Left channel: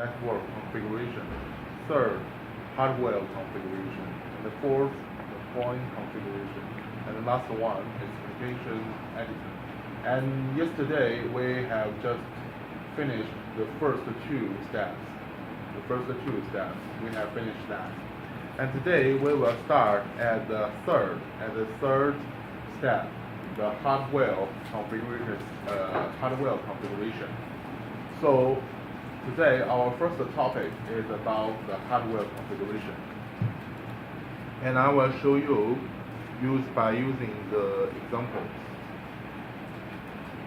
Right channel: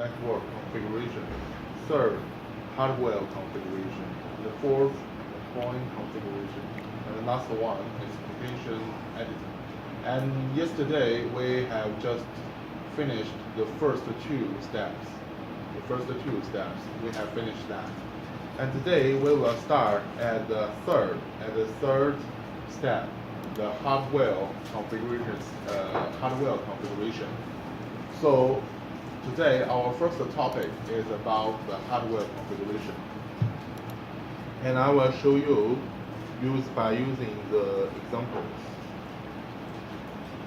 network configuration. Third, hardware configuration. And the fourth, point configuration. And the last one is application editing. And yesterday we have just finished the first two steps. We have finished that. And today we will start at the third step, the hardware configuration. So today our first topic is about the hardware configuration, and I will show you by using the examples.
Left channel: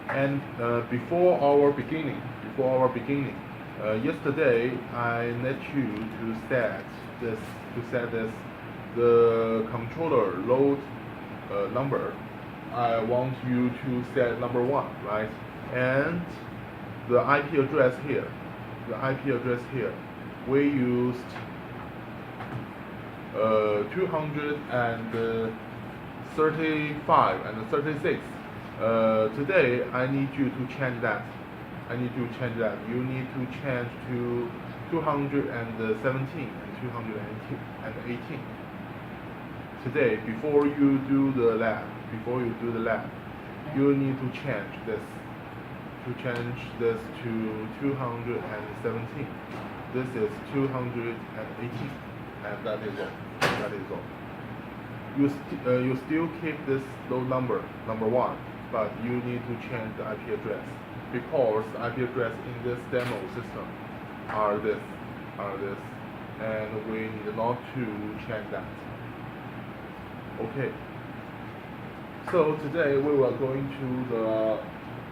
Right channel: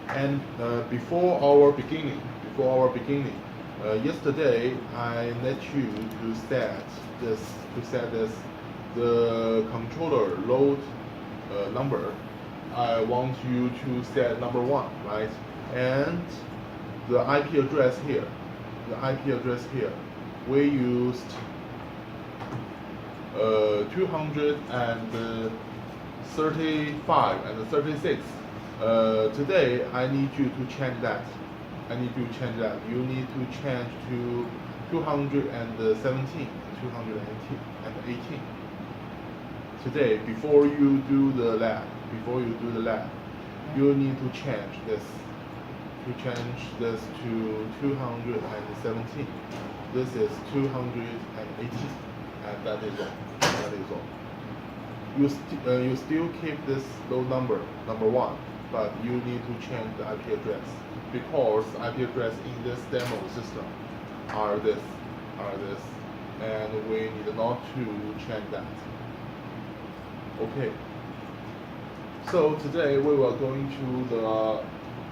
And before our beginning, yesterday I let you to set this the controller load number. I want you to set number 1, right? And the IP address here. We used 235 and 36. Today I need you to change that. You need to change to 217 and 218. Today, before you do the lab, you need to change this. To change this to 217. This is 218, and that is all. You still keep this low number 1, but you need to change the IP address, because IP address in this demo system are this, and we need not to change that. Okay. So today we will go into the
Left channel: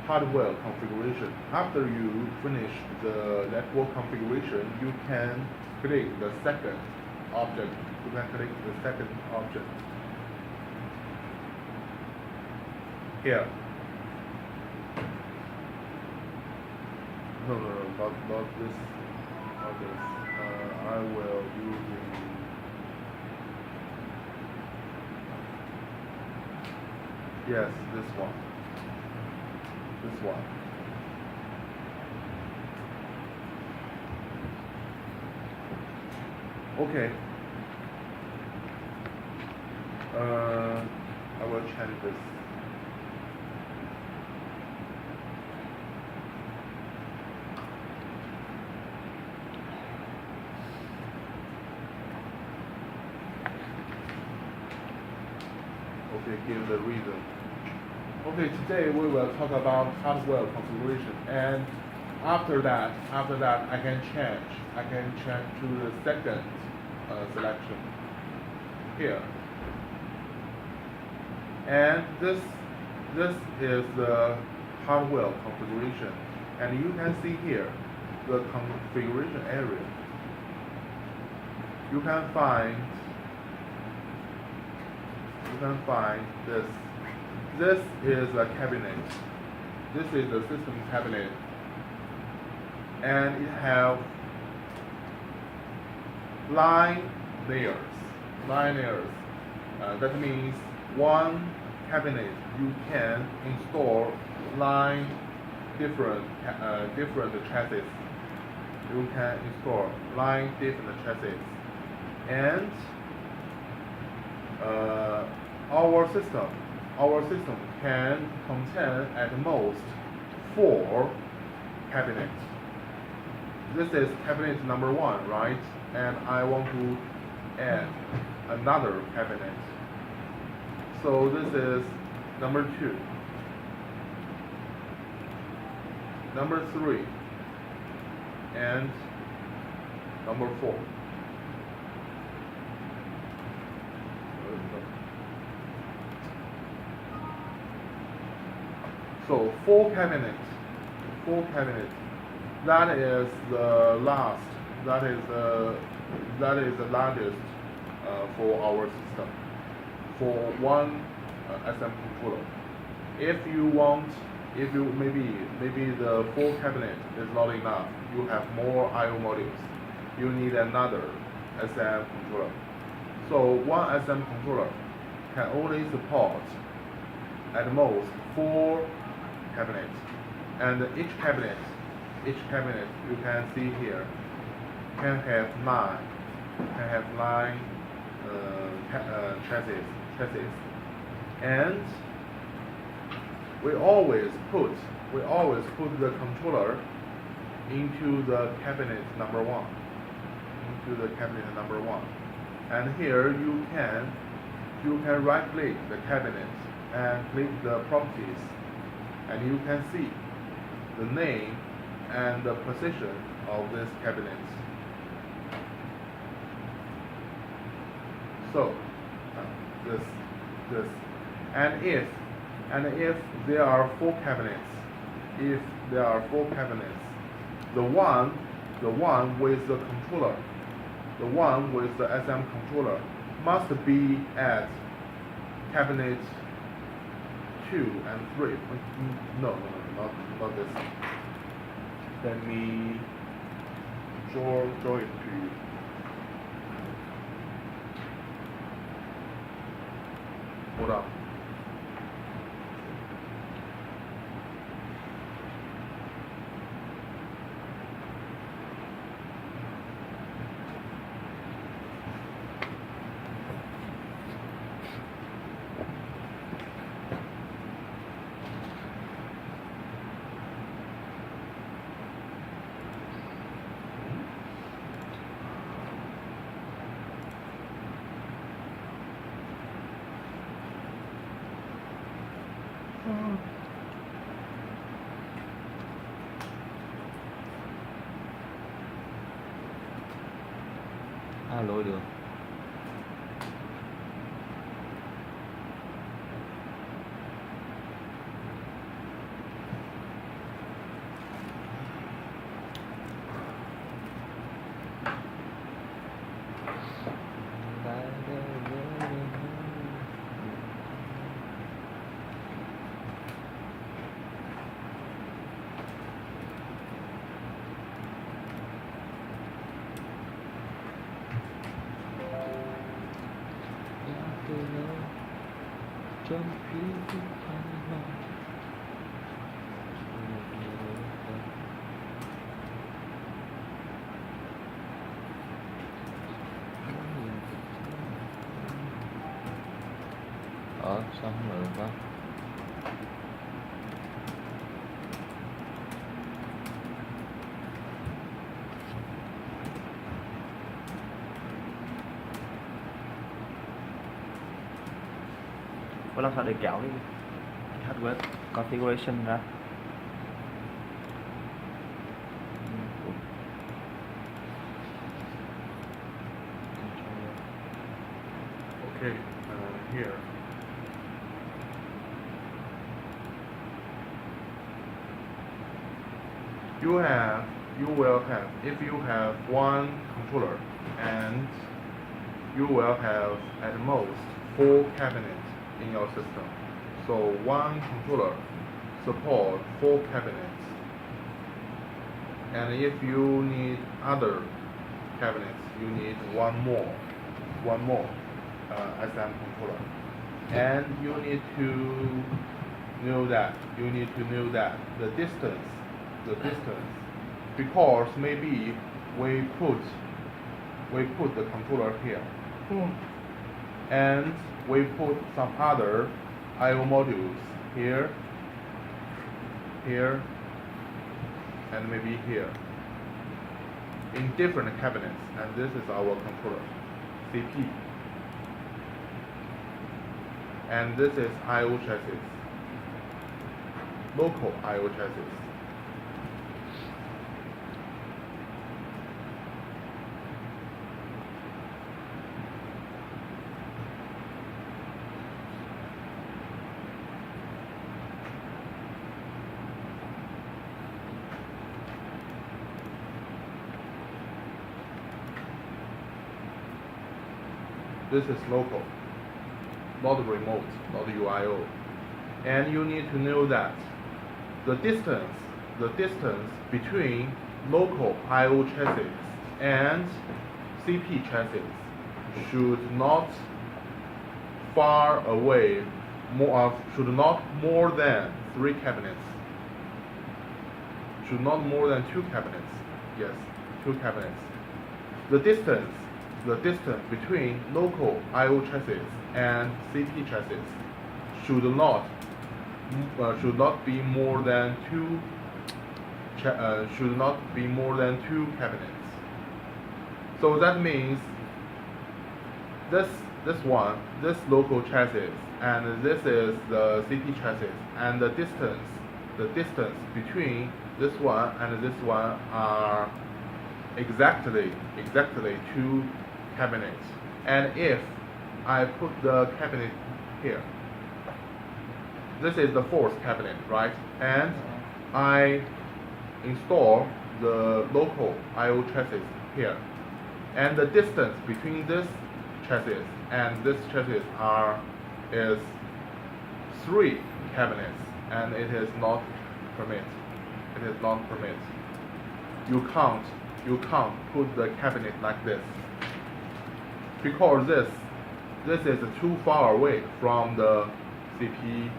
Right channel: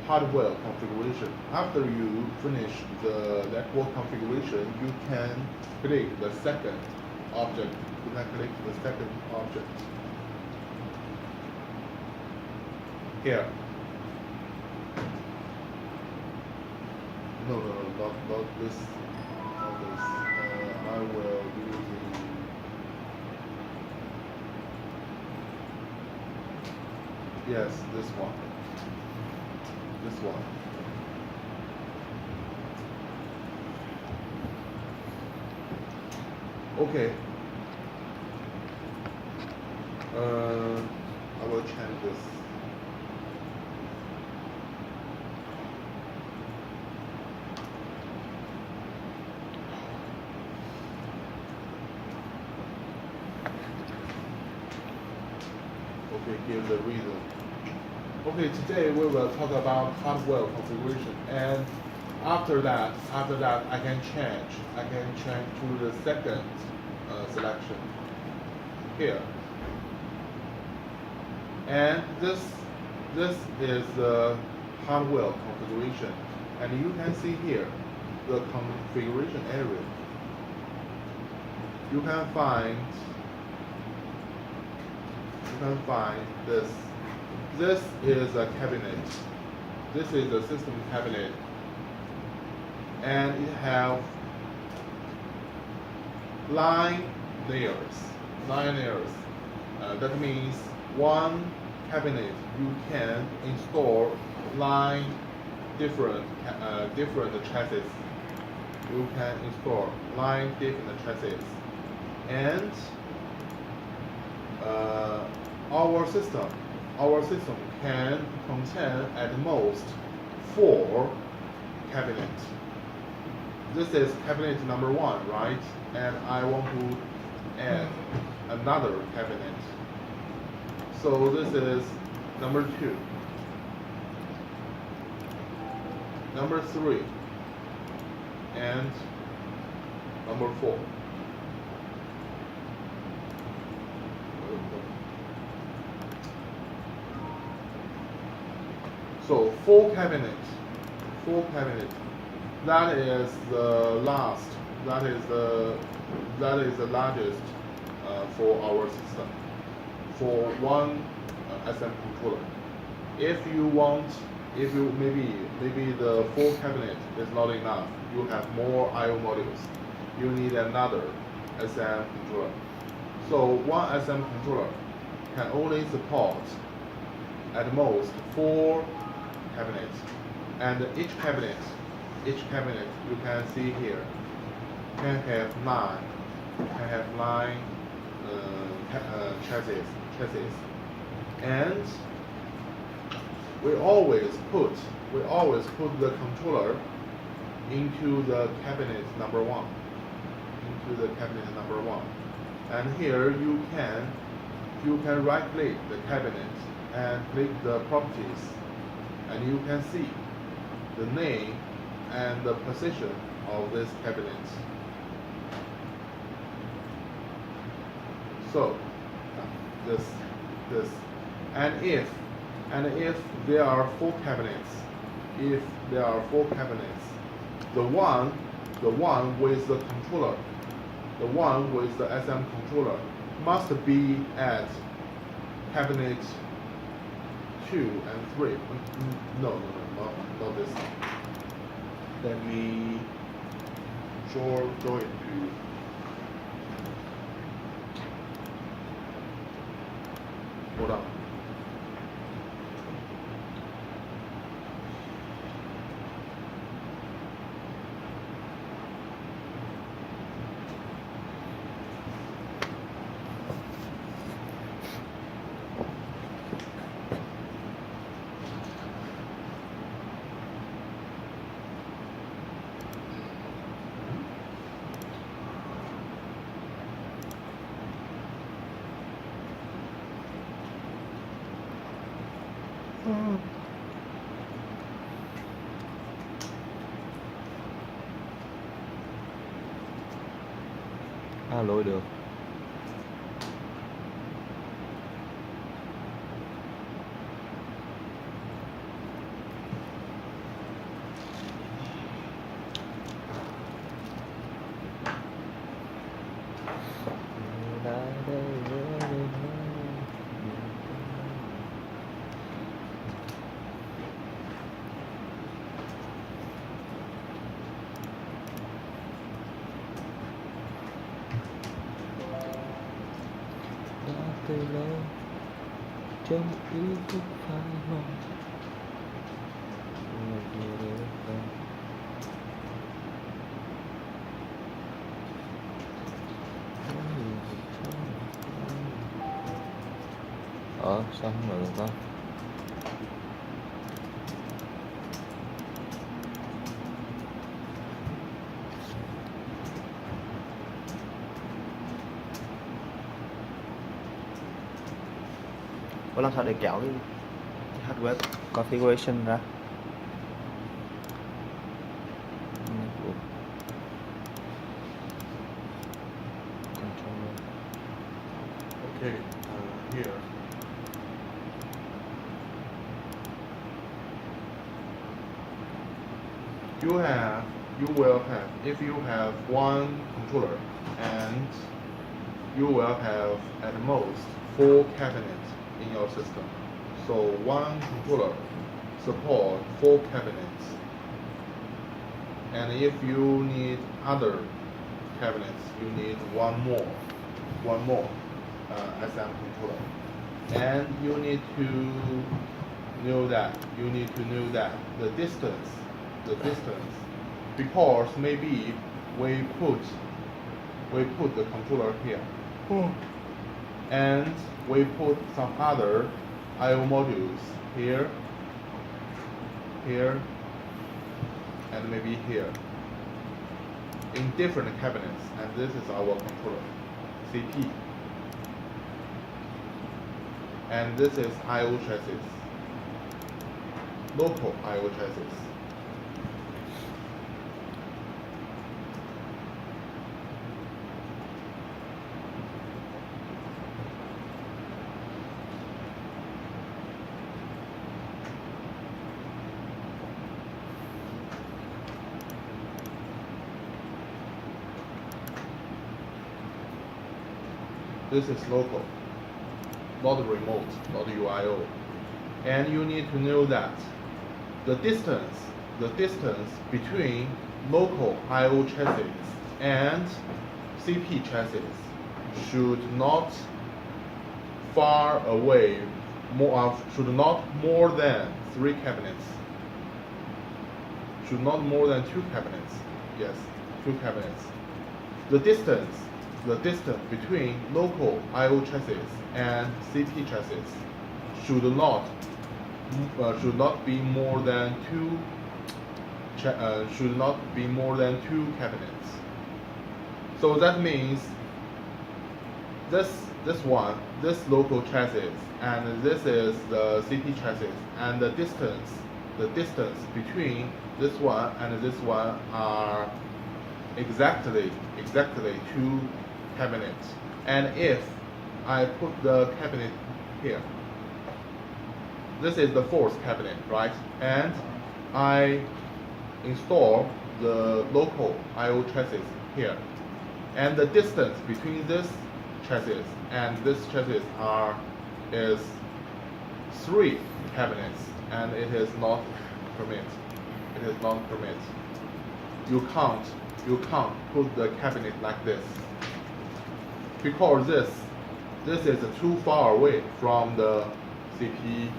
hardware configuration. After you finish the network configuration, you can click the second object. Here. No, not this. I will use yes, this one. Okay. I will change this. Okay, give the reason. Okay, today we will talk about hardware configuration, and after that I can change to the second selection here, and this is the hardware configuration, and you can see here the configuration area. You can find this. This is a cabinet. This is a system cabinet, and it have line layers. That means one cabinet you can install different chassis. You can install different chassis, and our system can contain at most 4 cabinets. This is cabinet number 1, right? And I want to add another cabinet. So this is number 2, number 3, and number 4. So 4 cabinets. That is the last. That is the largest for our system, for one SM controller. If maybe the 4 cabinet is not enough, you have more I/O modules. You need another SM controller. So one SM controller can only support at most 4 cabinets, and each cabinet you can see here can have nine chassis, and we always put the controller into the cabinet number one, and here you can right click the cabinet and click the properties, and you can see the name and the position of this cabinet. So this and if there are four cabinets, the one with the controller, the one with the SM controller must be at cabinet 2 and 3. No, not this. Let me draw it to you. Hold on. Lỗi được. Sao không được con? Có làm sao để kéo cái hardware configuration ra? Okay, here. You will have, if you have one controller, and you will have at most 4 cabinets in your system. So one controller support 4 cabinets, and if you need other cabinets, you need one more SM controller, and you need to know that the distance, because maybe we put the controller here, and we put some other I/O modules here, and maybe here, in different cabinets, and this is our controller, CP, and this is I/O chassis, local I/O chassis. This is local, not remote, not UIO. And you need to know that the distance between local I/O chassis and CP chassis should not far away, should not more than 3 cabinets. Should not more than 2 cabinets. Yes, 2 cabinets. the distance between local I/O chassis and CP chassis should not be more than two cabinets. So that means this local chassis, and this is the CP chassis, and the distance between this one and this one are exactly two cabinets. And if I put the cabinet here, this is the fourth cabinet, right? And I install the local I/O chassis here, and the distance between this chassis and this chassis is 3 cabinets, and it is not permit. It is not permit. You can't put the cabinet like this, because this is too far away from the CP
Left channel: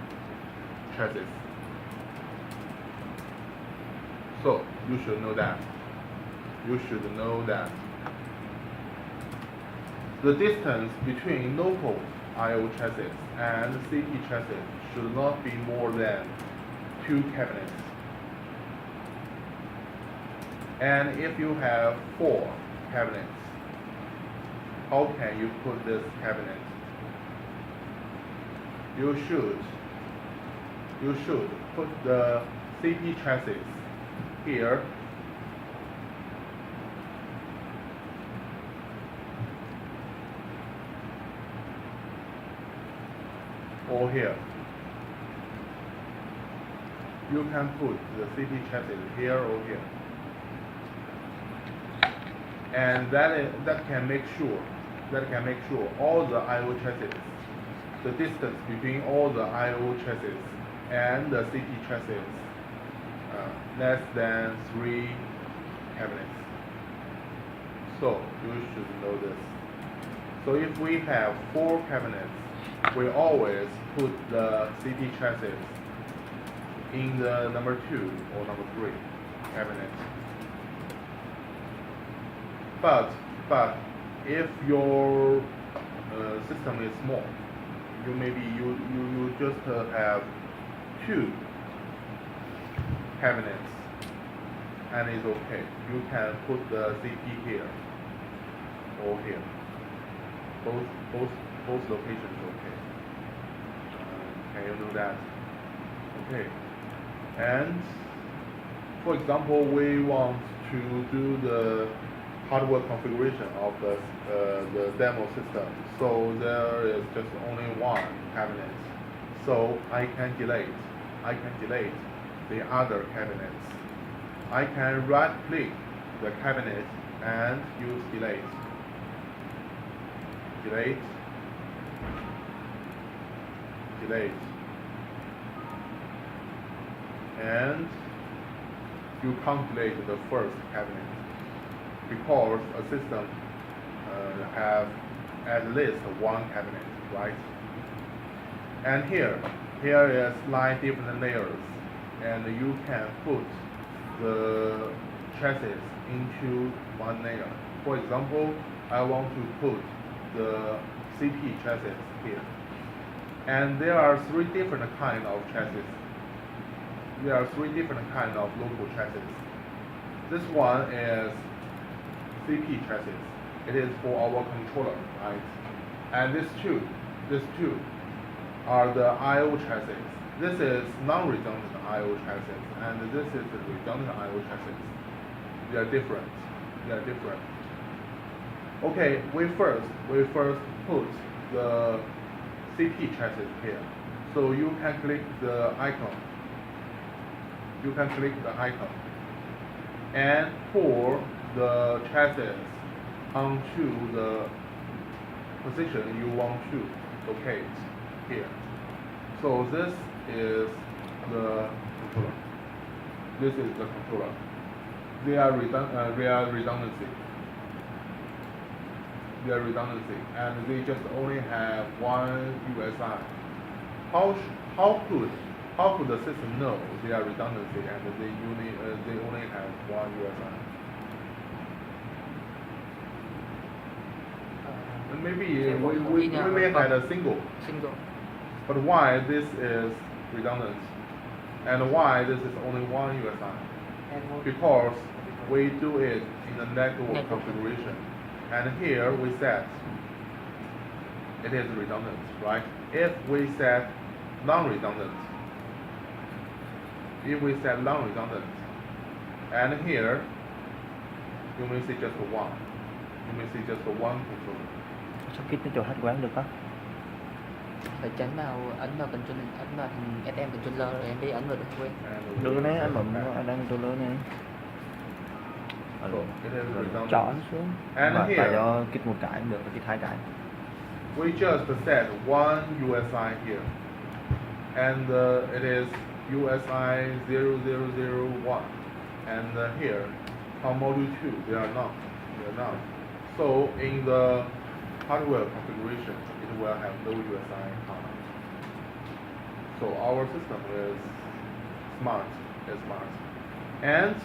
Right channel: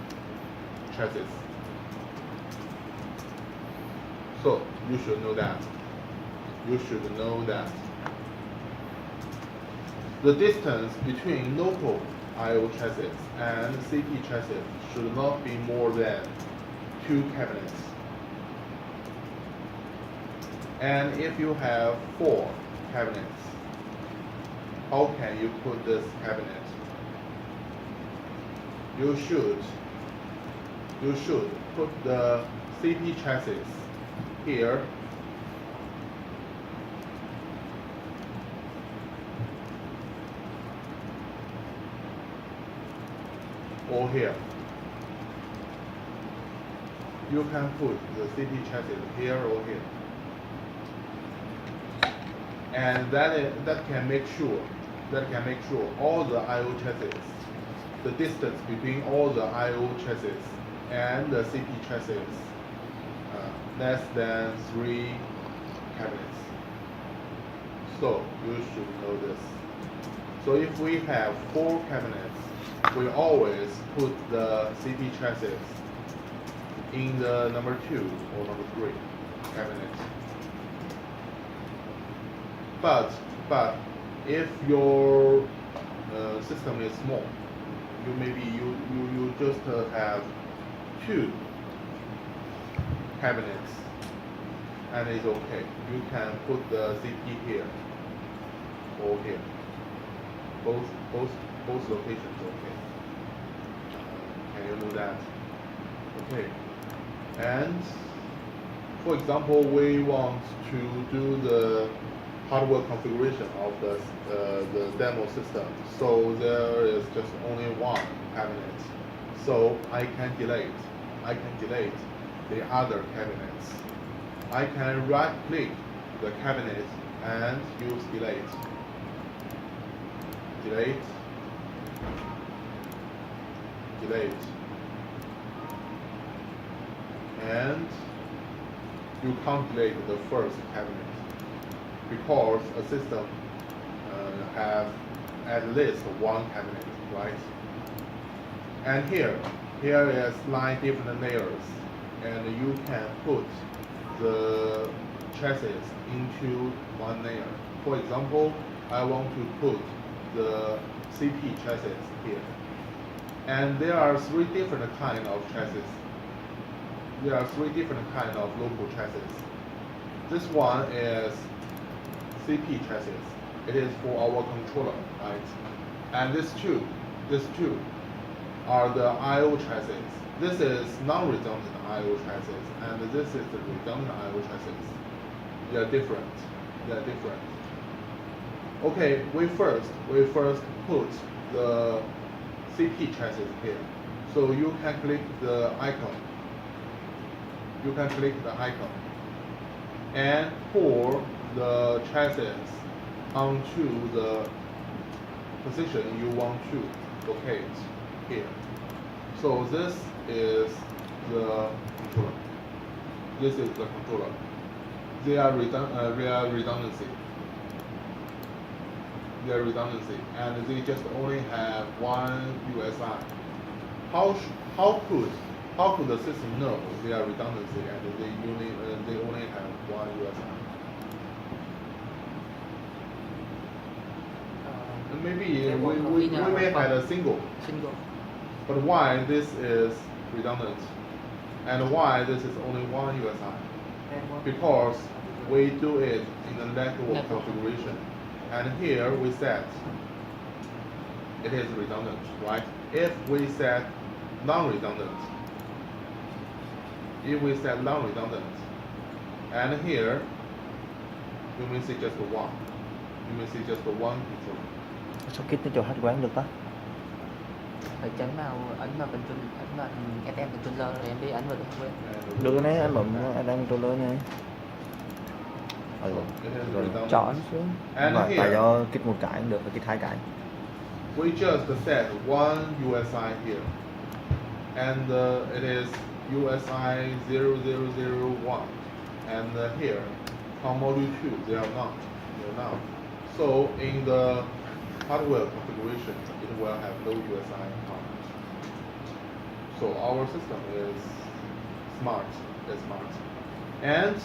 chassis. So you should know that. You should know that. The distance between local I/O chassis and CP chassis should not be more than 2 cabinets. And if you have 4 cabinets, how can you put this cabinet? You should put the CP chassis here, or here. You can put the CP chassis here or here, and that can make sure all the I/O chassis, the distance between all the I/O chassis and the CP chassis less than 3 cabinets. So you should know this. So if we have 4 cabinets, we always put the CP chassis in the number 2 or number 3 cabinet. But if your system is small, you just have 2 cabinets, and it's okay. You can put the CP here or here. Both locations okay. Can you do that? Okay. And for example, we want to do the hardware configuration of the demo system. So there is just only 1 cabinet. So I can delete the other cabinets. I can right click the cabinet and use delete. And you can't delete the first cabinet, because a system have at least 1 cabinet, right? And here is 9 different layers, and you can put the chassis into 1 layer. For example, I want to put the CP chassis here, and there are 3 different kinds of chassis. There are 3 different kinds of local chassis. This one is CP chassis. It is for our controller, right? And these two are the I/O chassis. This is non-redundant I/O chassis, and this is the redundant I/O chassis. They are different. Okay, we first put the CP chassis here. So you can click the icon. And pour the chassis onto the position you want to locate here. So this is the controller. They are redundancy. And they just only have 1 USI. How could the system know they are redundancy and they only have 1 USI? maybe we may have a single. But why this is redundant? And why this is only one USI? Because we do it in a network configuration. And here we set it is redundant, right? If we set non-redundant, and here we may see just one. You may see just one controller. Sao kít nó cho hết quán được đó? Phải tránh nào ấn vào FM controller rồi em đi ấn vào được quên. Đưa này anh bấm ở đang controller này. Rồi chọn xuống. Và tại do kích một cái được, kích hai cái. We just set one USI here, and it is USI 0001, and here on module 2 they are not. So in the hardware configuration, it will have no USI part. So our system is smart, and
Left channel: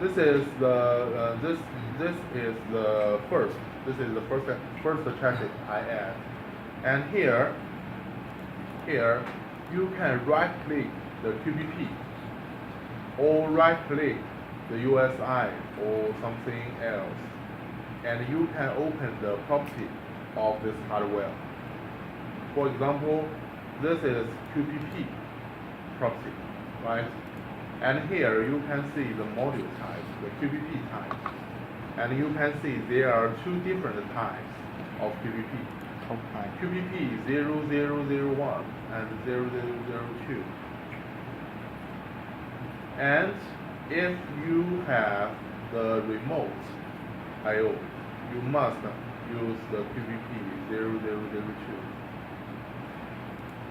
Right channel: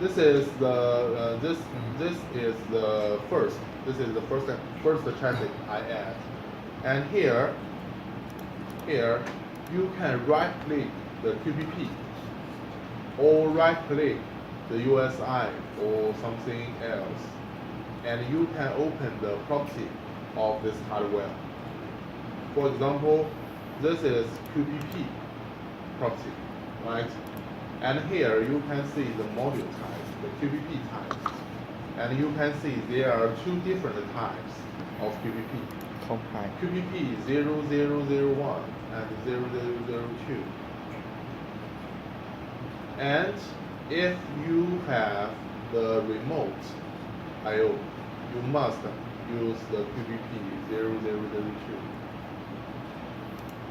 this is the first chassis I add, and here you can right click the QPP or right click the USI or something else, and you can open the property of this hardware. For example, this is QPP property, right? And here you can see the module types, the QPP types, and you can see there are two different types of QPP. QPP 0001 and 0002. And if you have the remote I/O, you must use the QPP 0002.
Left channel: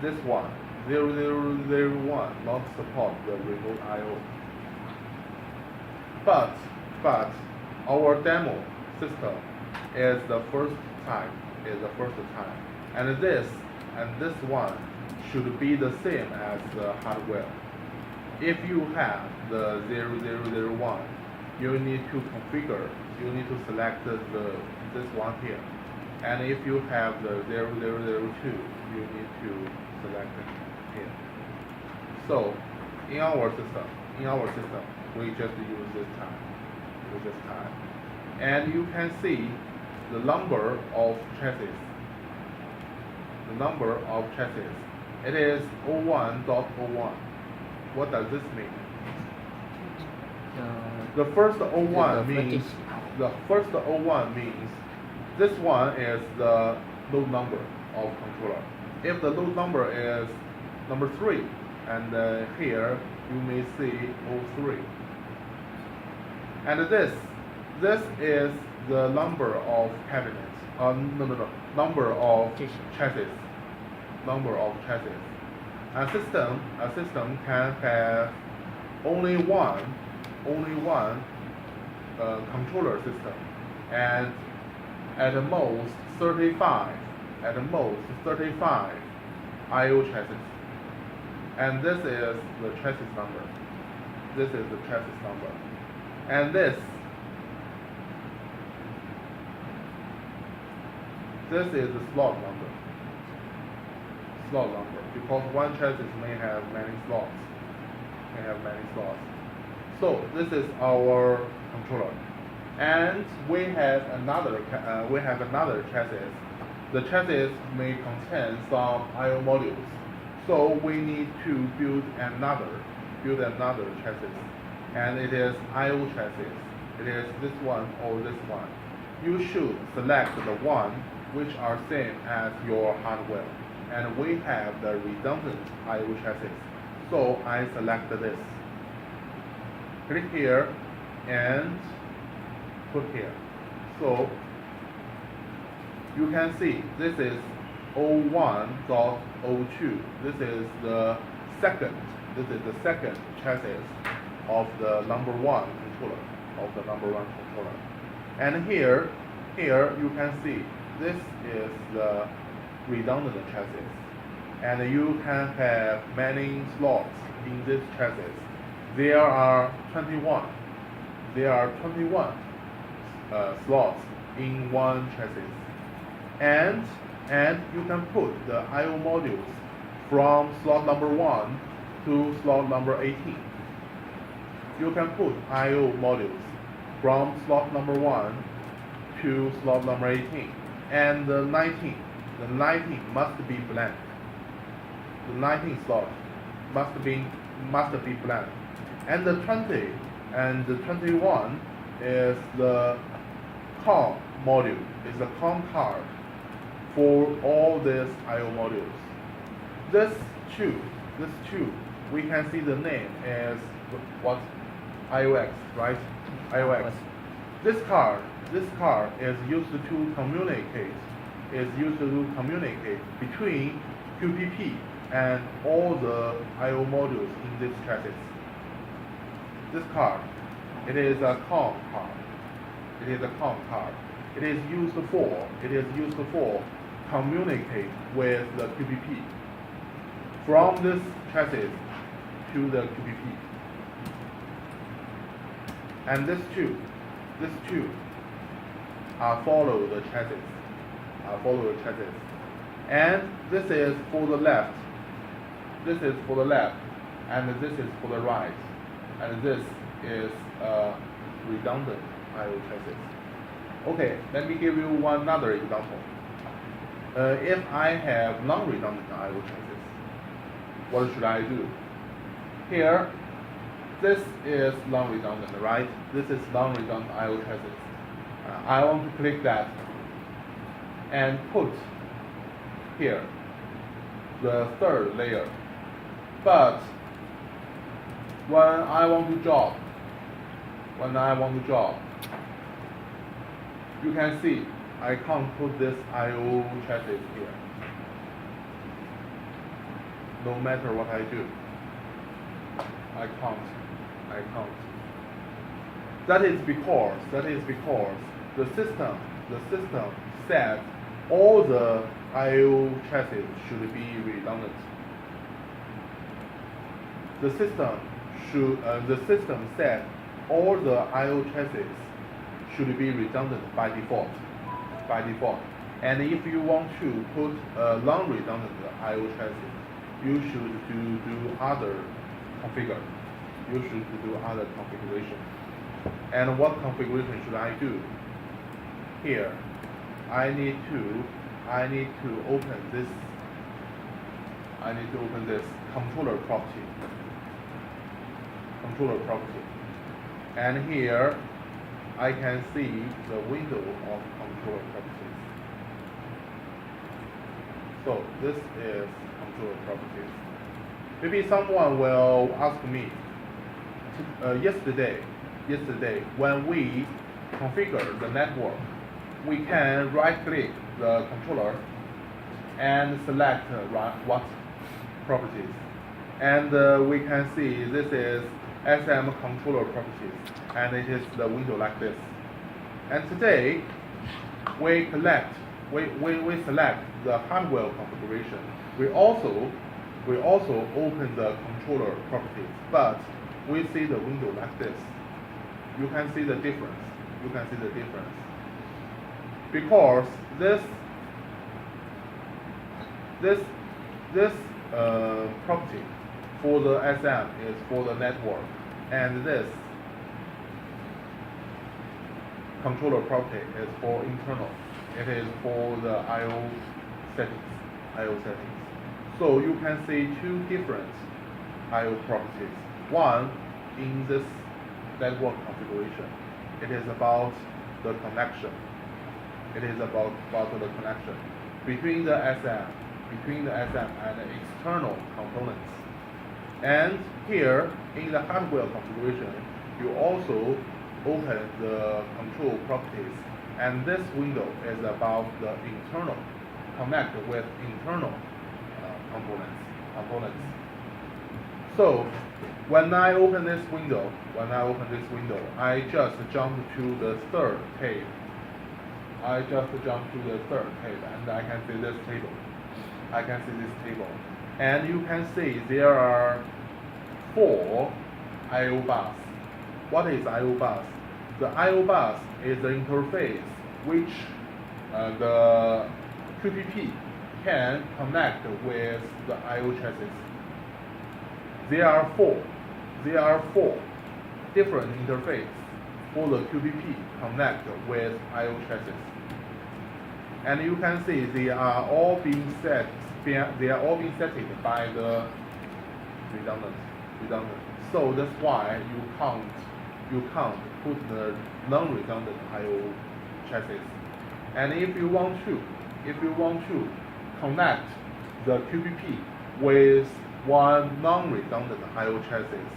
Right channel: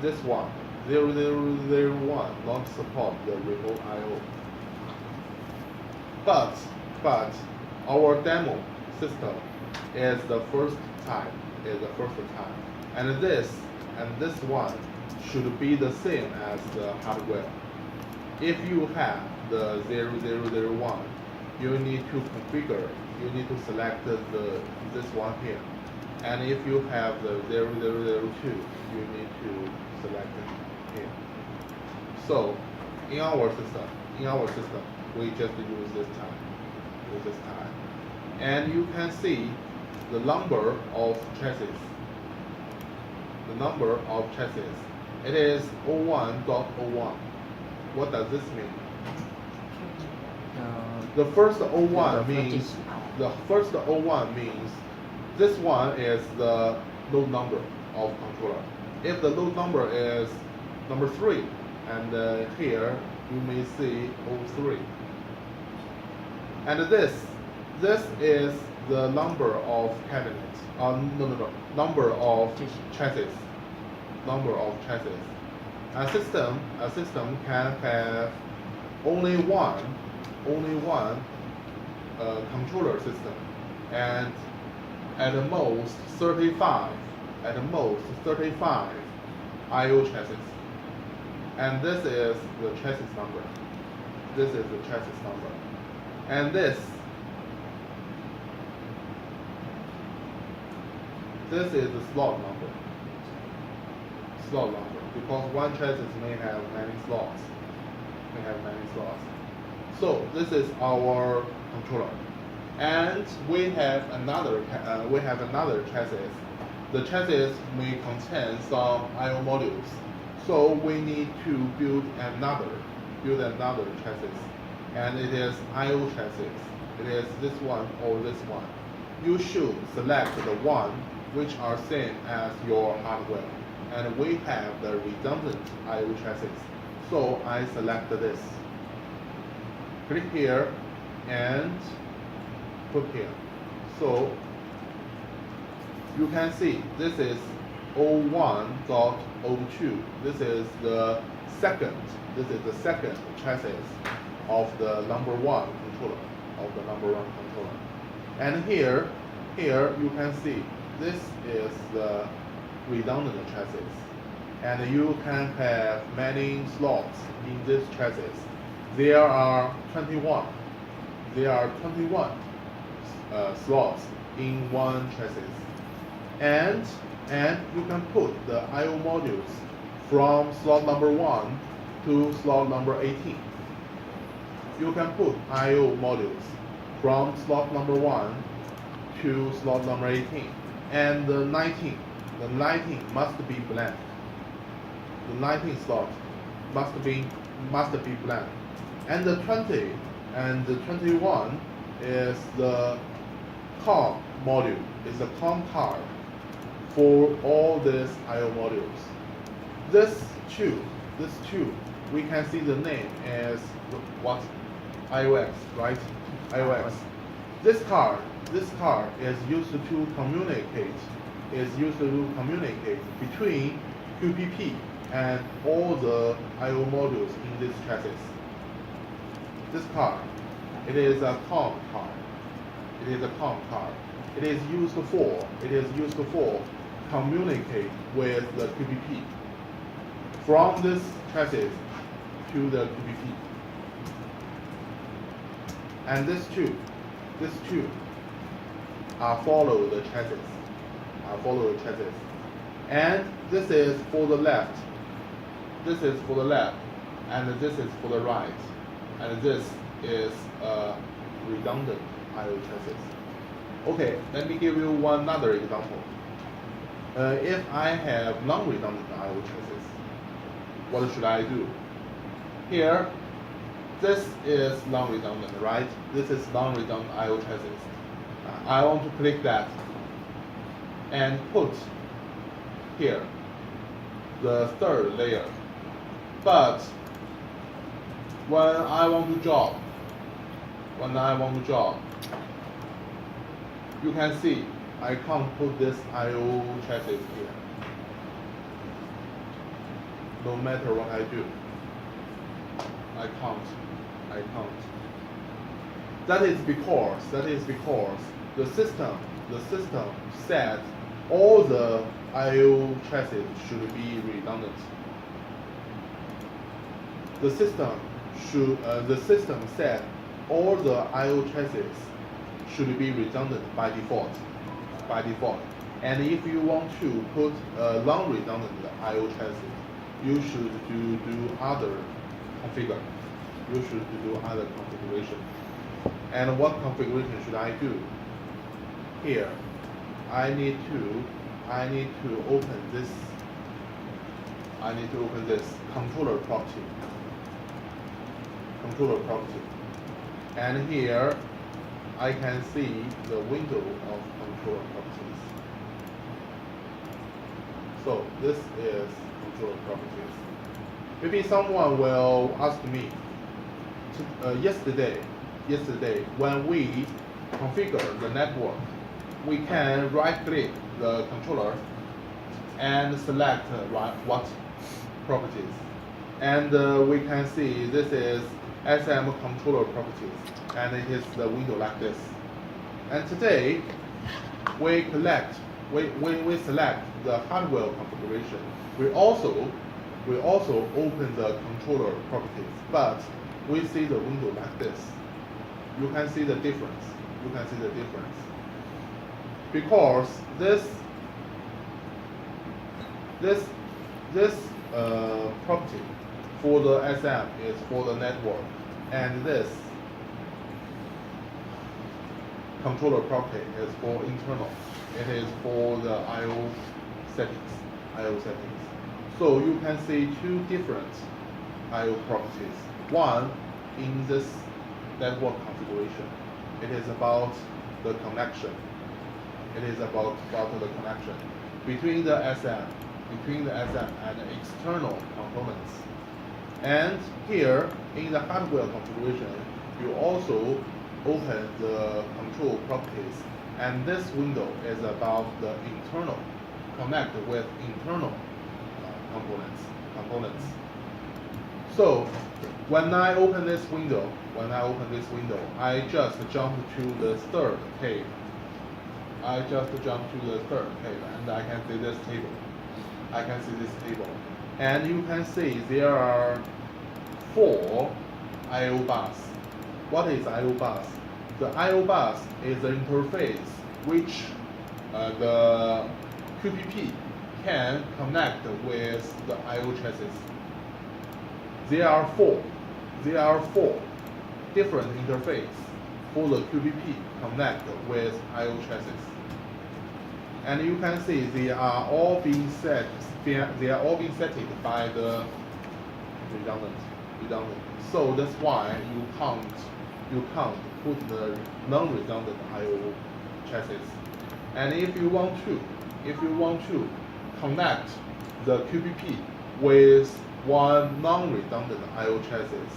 This one, 0001, not support the remote I/O. But our demo system is the first time, and this one should be the same as the hardware. If you have the 0001, you need to configure. You need to select this one here, and if you have the 0002, you need to select it here. So in our system, we just use this type, and you can see the number of chassis. It is 01.01. What does this mean? The first 01 means this one is the load number of controller. If the load number is number 3, and here you may see 03. And this is the number of cabinets. Number of chassis. A system can have only one controller system, and at the most 35 I/O chassis. And this is the chassis number. And this is the slot number. Because one chassis may have many slots. So this is our controller, and we have another chassis. The chassis may contain some I/O modules, so we need to build another chassis, and it is I/O chassis. It is this one or this one. You should select the one which are same as your hardware, and we have the redundant I/O chassis. So I select this. Click here and put here. So you can see this is 01.02. This is the second chassis of the number one controller. And here you can see this is the redundant chassis, and you can have many slots in this chassis. There are 21 slots in one chassis, and you can put the I/O modules from slot number 1 to slot number 18. You can put I/O modules from slot number 1 to slot number 18, and the 19 must be blank. The 19 slot must be blank, and the 20 and the 21 is the COM module, is the COM card for all these I/O modules. This two, we can see the name as what? iOS, right? iOS. This card is used to communicate, between QPP and all the I/O modules in this chassis. This card, it is a COM card. It is a COM card. It is used for communicate with the QPP from this chassis to the QPP. And this two follow the chassis. And this is for the left. This is for the left, and this is for the right. And this is a redundant I/O chassis. Okay, let me give you another example. If I have non-redundant I/O chassis, what should I do? Here, this is non-redundant, right? This is non-redundant I/O chassis. I want to click that and put here the third layer. But when I want to job, you can see I can't put this I/O chassis here. No matter what I do, I can't. That is because the system said all the I/O chassis should be redundant. The system said all the I/O chassis should be redundant by default. And if you want to put a non-redundant I/O chassis, you should do other configure. You should do other configuration. And what configuration should I do? Here, I need to open this. Controller property. And here, I can see the window of controller properties. So this is controller properties. Maybe someone will ask me, yesterday when we configure the network, we can right-click the controller and select what properties, and we can see this is SM controller properties, and it is the window like this. And today we select the hardware configuration. We also open the controller properties, but we see the window like this. You can see the difference. Because this property for the SM is for the network, and this controller property is for internal. It is for the I/O settings. So you can see two different I/O properties. One in this network configuration, it is about the connection. Between the SM and the external components. And here in the hardware configuration, you also open the control properties, and this window is about the internal, connect with internal components. So when I open this window, I just jump to the third page. And I can see this table. And you can see there are 4 I/O bus. What is I/O bus? the I/O bus is the interface which the QPP can connect with the I/O chassis. There are four different interfaces for the QPP connect with I/O chassis. And you can see they are all being set. They are all being set by the redundant. So that's why you can't put the non-redundant I/O chassis. And if you want to connect the QPP with one non-redundant I/O chassis,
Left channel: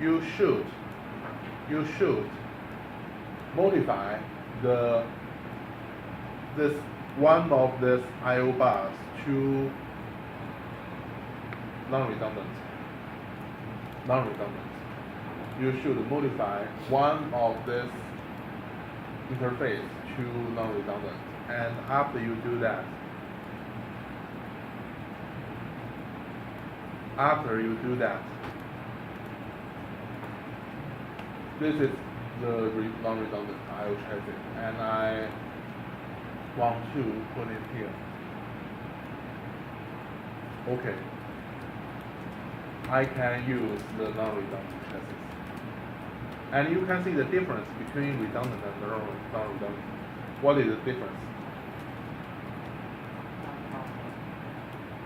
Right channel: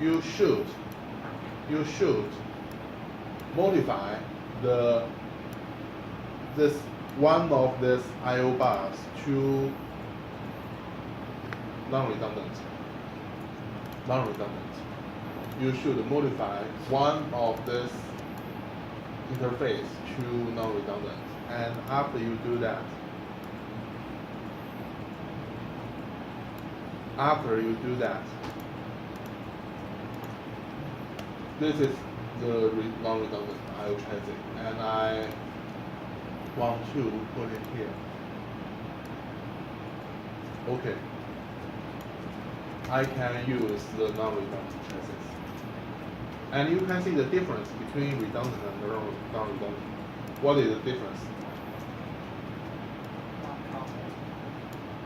you should modify one of this I/O bus to non-redundant. You should modify one of this interface to non-redundant. And after you do that, this is the non-redundant I/O chassis, and I want to put it here. Okay. I can use the non-redundant chassis. And you can see the difference between redundant and non-redundant. What is the difference?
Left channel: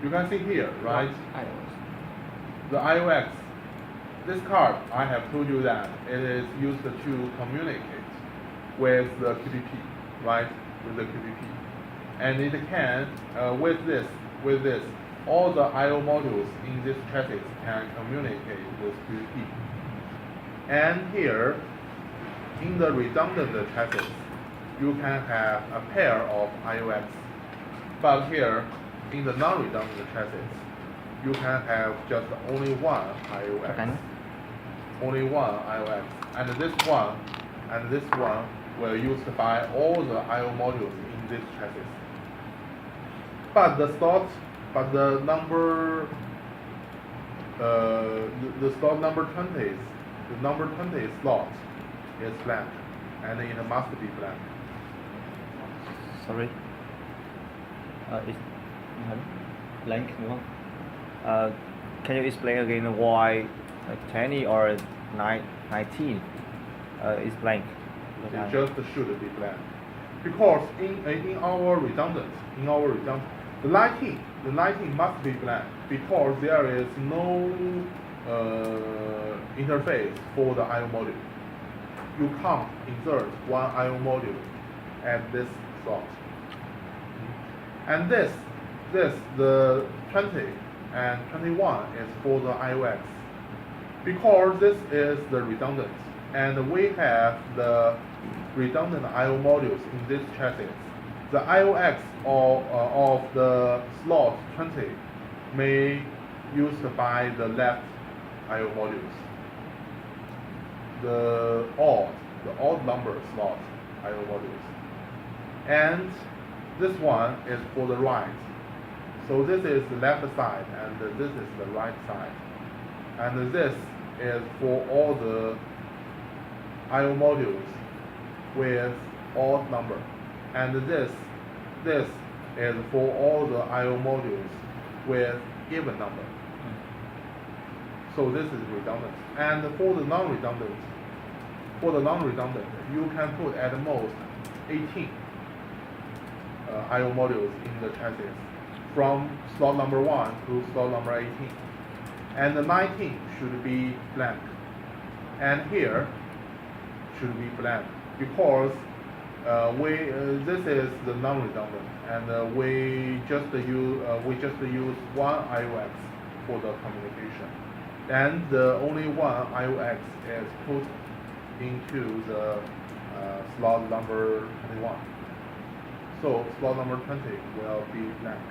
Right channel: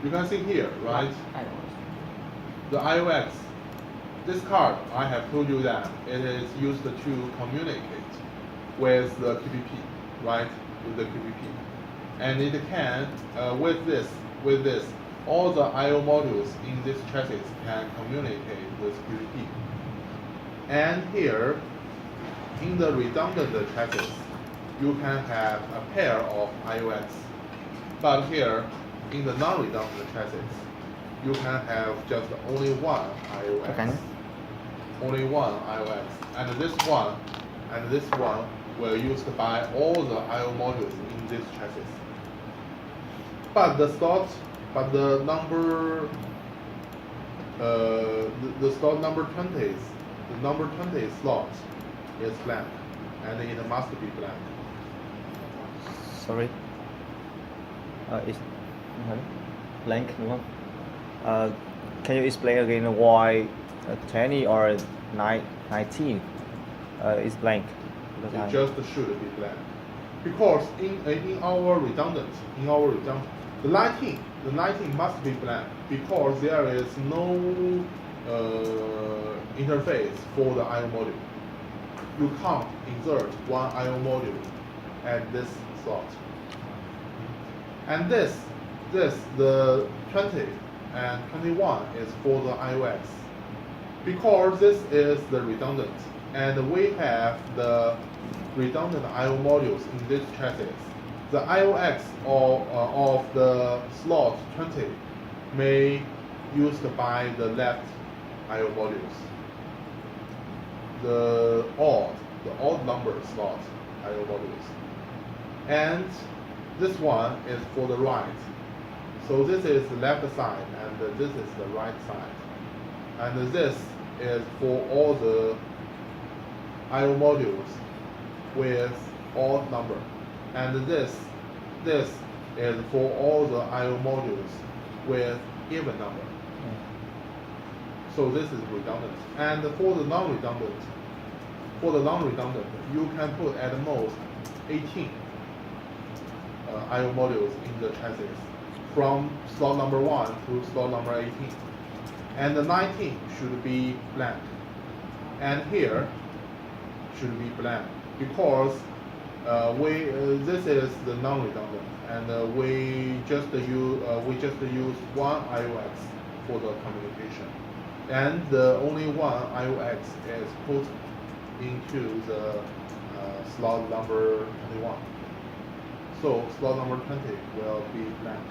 You can see here, right? The IOX. This card, I have told you that it is used to communicate with the QPP, right? With the QPP. And it can, with this, all the I/O modules in this chassis can communicate with QPP. And here, in the redundant chassis, you can have a pair of IOX. But here, in the non-redundant chassis, you can have just only one IOX. Okay. Only one IOX. And this one were used by all the I/O modules in this chassis. But the slot number 20, the number 20 slot is blank, and it must be blank. Sorry. It's blank, đúng không? Can you explain again why 20 or 19 is blank? It just should be blank. Because in our redundant, the lighting must be blank because there is no interface for the I/O module. You can't insert one I/O module at this slot. And the 20 and 21 is for the IOX. Because this is the redundant, and we have the redundant I/O modules in this chassis, the IOX of the slot 20 may used by the left I/O modules. The odd number slot I/O modules. And this one is for the right. So this is the left side and this is the right side. And this is for all the I/O modules with odd number. And this is for all the I/O modules with even number. So this is redundant. And for the non-redundant, you can put at most 18 I/O modules in the chassis from slot number 1 to slot number 18. And the 19 should be blank. And here should be blank because this is the non-redundant, and we just use one IOX for the communication, and the only one IOX is put into the slot number 21. So slot number 20 will be blank.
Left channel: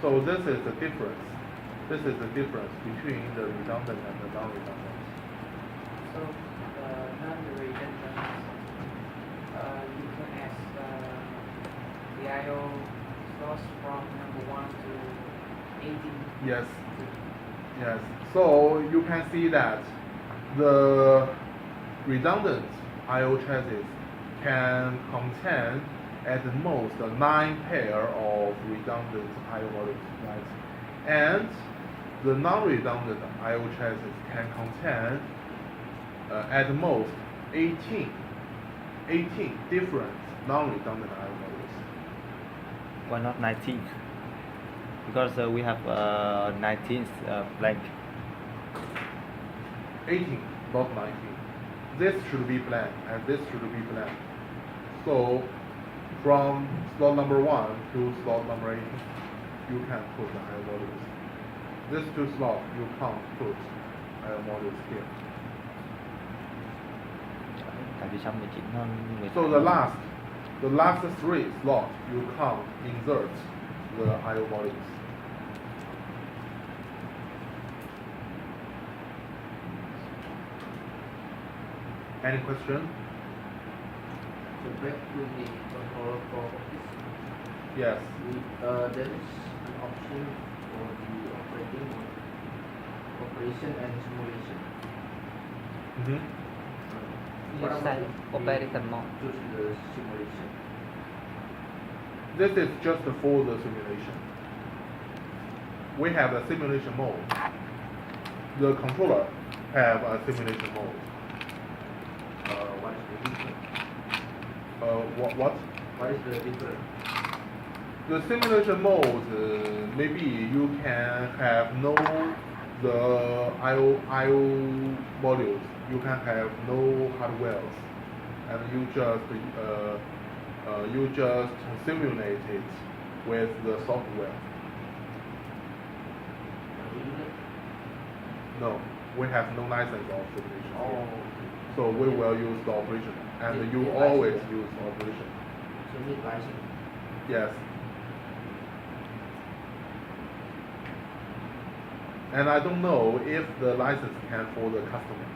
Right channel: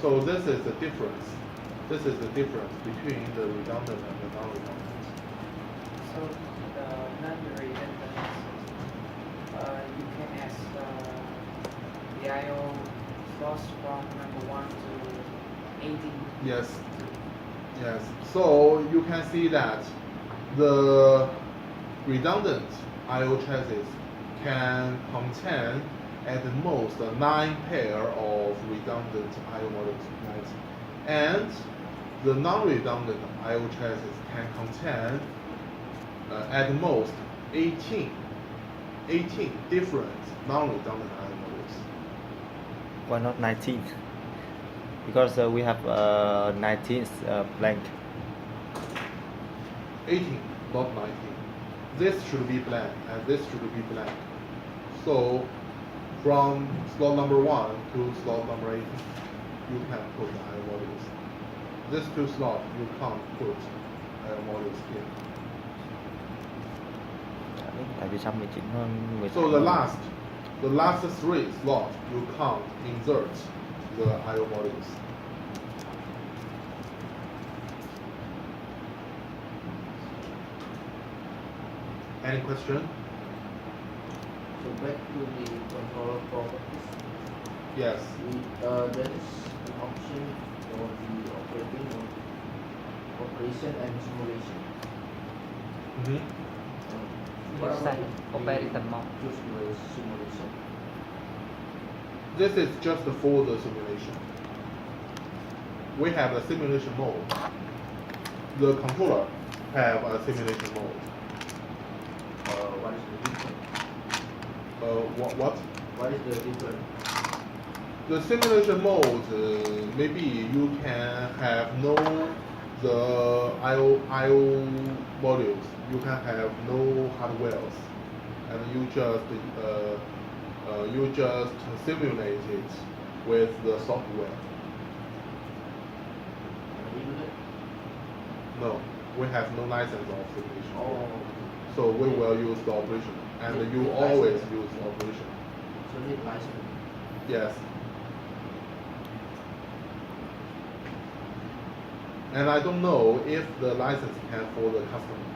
So this is the difference. This is the difference between the redundant and the non-redundant. So non-redundant, you can ask the I/O slots from number 1 to 18. Yes. So you can see that the redundant I/O chassis can contain at most 9 pair of redundant I/O modules, and the non-redundant I/O chassis can contain at most 18 different non-redundant I/O modules. Why not 19? Because we have 19 blank. 18, not 19. This should be blank, and this should be blank. So, from slot number 1 to slot number 18, you can put the I/O modules. These two slots you can't put I/O modules here. Tại vì 119 hơn 19. So the last 3 slots you can't insert the I/O modules. Any question? So back to the controller properties. Yes. There is an option for the operation and simulation. Mm-hmm. What Use about the operator mode. choose the simulation? This is just for the simulation. We have a simulation mode. The controller have a simulation mode. What is the difference? What? What is the difference? The simulation mode, maybe you can have no the I/O modules. You can have no hardwares, and you just simulate it with the software. Can we do that? No, we have no license of simulation. Oh, So we will use the operation, and you Need always license. use the operation. so need license. Yes. And I don't know if the license can for the customer.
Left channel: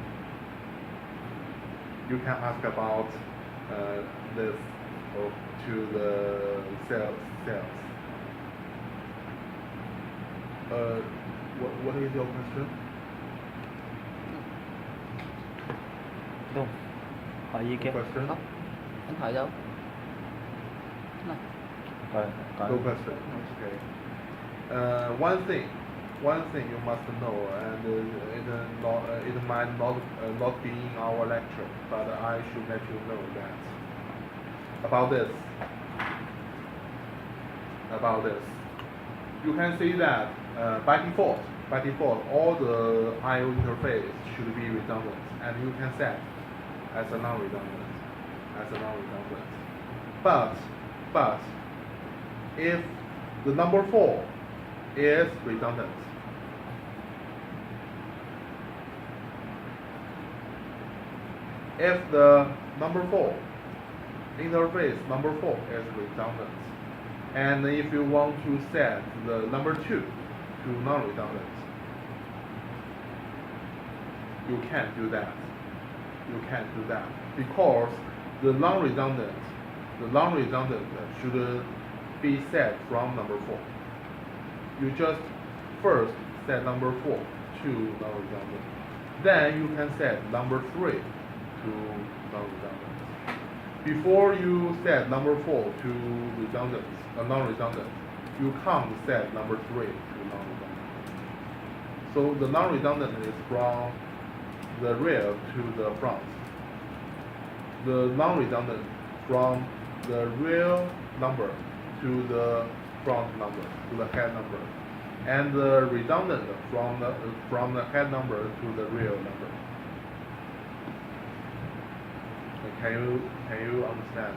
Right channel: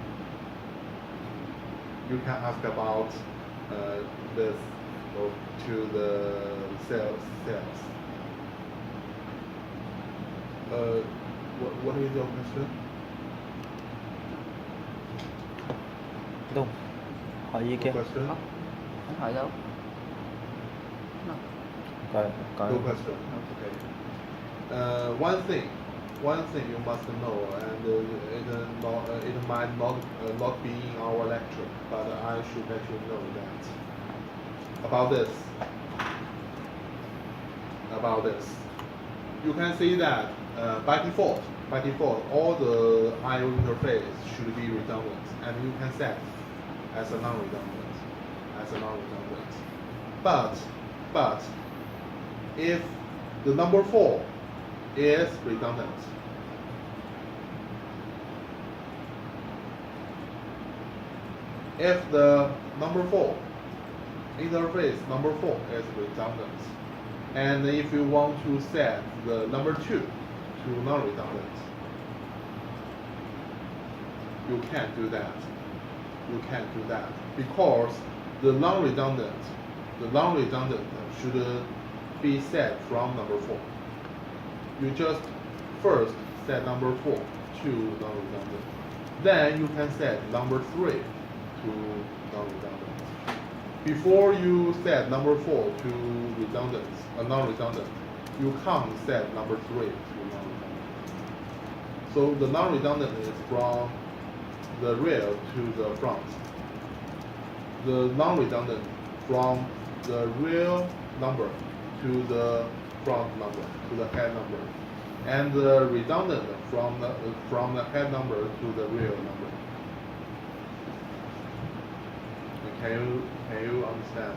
You can ask about this to the sales. What is your question? Đúng. Hỏi gì kia? Question? Không, không hỏi đâu. No. Có. No question. Okay. One thing you must know, and it might not be in our lecture, but I should let you know that about this. You can see that by default, all the I/O interface should be redundant, and you can set as a non-redundant. But if the number 4 is redundant, if the number 4 interface number 4 is redundant, and if you want to set the number 2 to non-redundant, you can't do that. Because the non-redundant should be set from number 4. You just first set number 4 to non-redundant. Then you can set number 3 to non-redundant. Before you set number 4 to non-redundant, you can't set number 3 to non-redundant. So the non-redundant is from the rear to the front. The non-redundant from the real number to the front number, to the head number, and the redundant from the head number to the real number. Can you understand?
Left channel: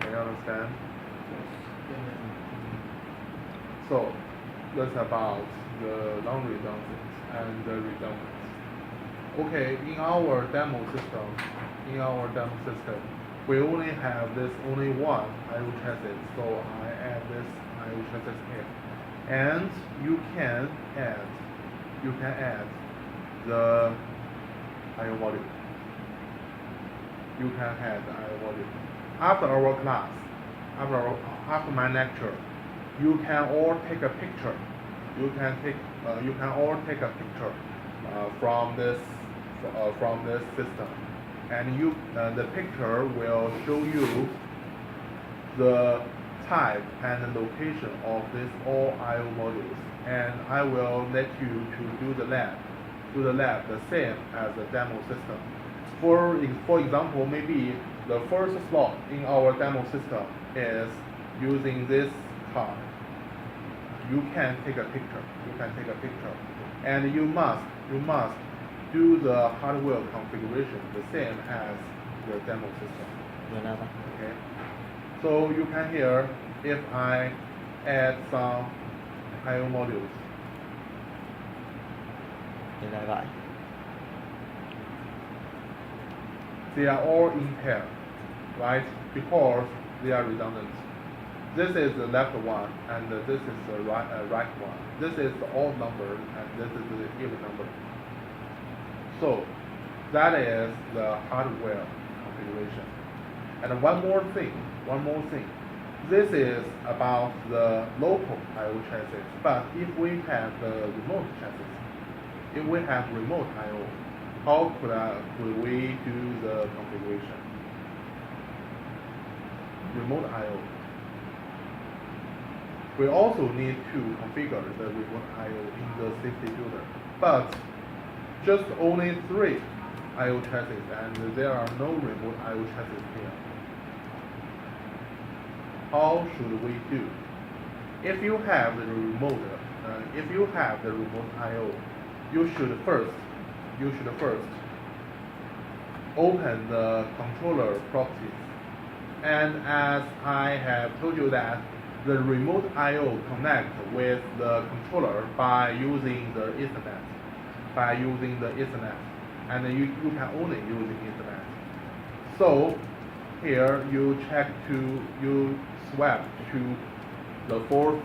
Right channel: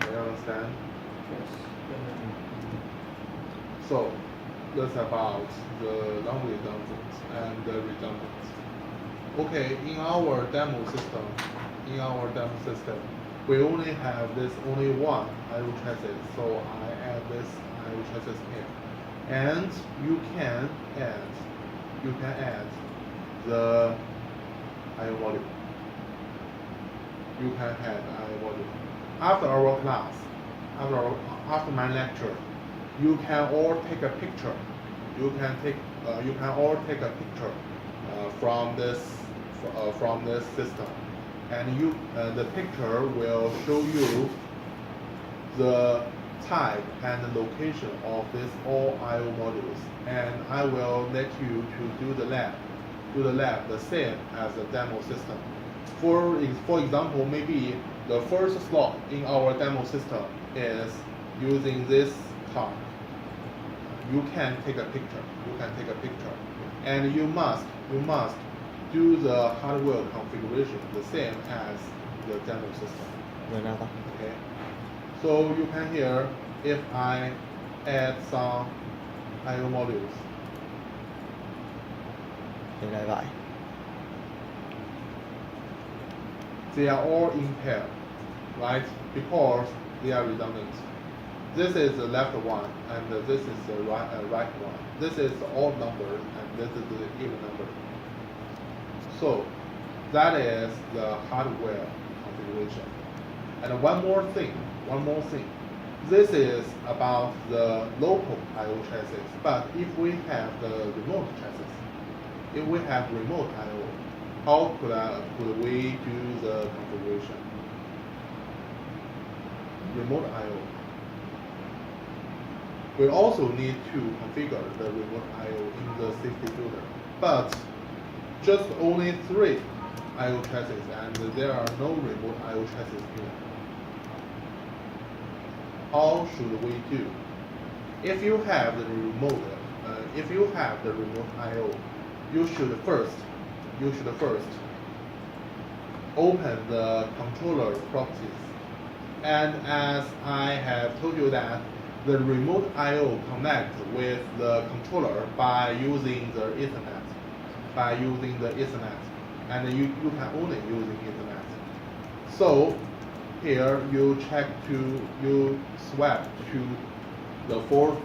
Can you understand? So that's about the non-redundant and the redundant. Okay, in our demo system, we only have this one I/O chassis, so I add this I/O chassis here, and you can add the I/O module. You can add I/O module. After our class, after my lecture, you can all take a picture. You can all take a picture from this system, and the picture will show you the type and location of this all I/O modules, and I will let you to do the lab the same as the demo system. For example, maybe the first slot in our demo system is using this card. You can take a picture. And you must do the hardware configuration the same as the demo system. Vậy nào ta? Okay. So you can hear if I add some I/O modules. Vậy này vậy. They are all in pair, right? Because they are redundant. This is the left one, and this is the right one. This is the odd number, and this is the even number. So that is the hardware configuration. And one more thing. This is about the local I/O chassis. But if we have the remote chassis, if we have remote I/O, how could we do the configuration? Remote I/O. We also need to configure the remote I/O in the safety filter, but just only 3 I/O chassis, and there are no remote I/O chassis here. How should we do? If you have the remote I/O, you should first open the controller properties. And as I have told you that the remote I/O connects with the controller by using the Ethernet. And you can only use Ethernet. So here you swap to the fourth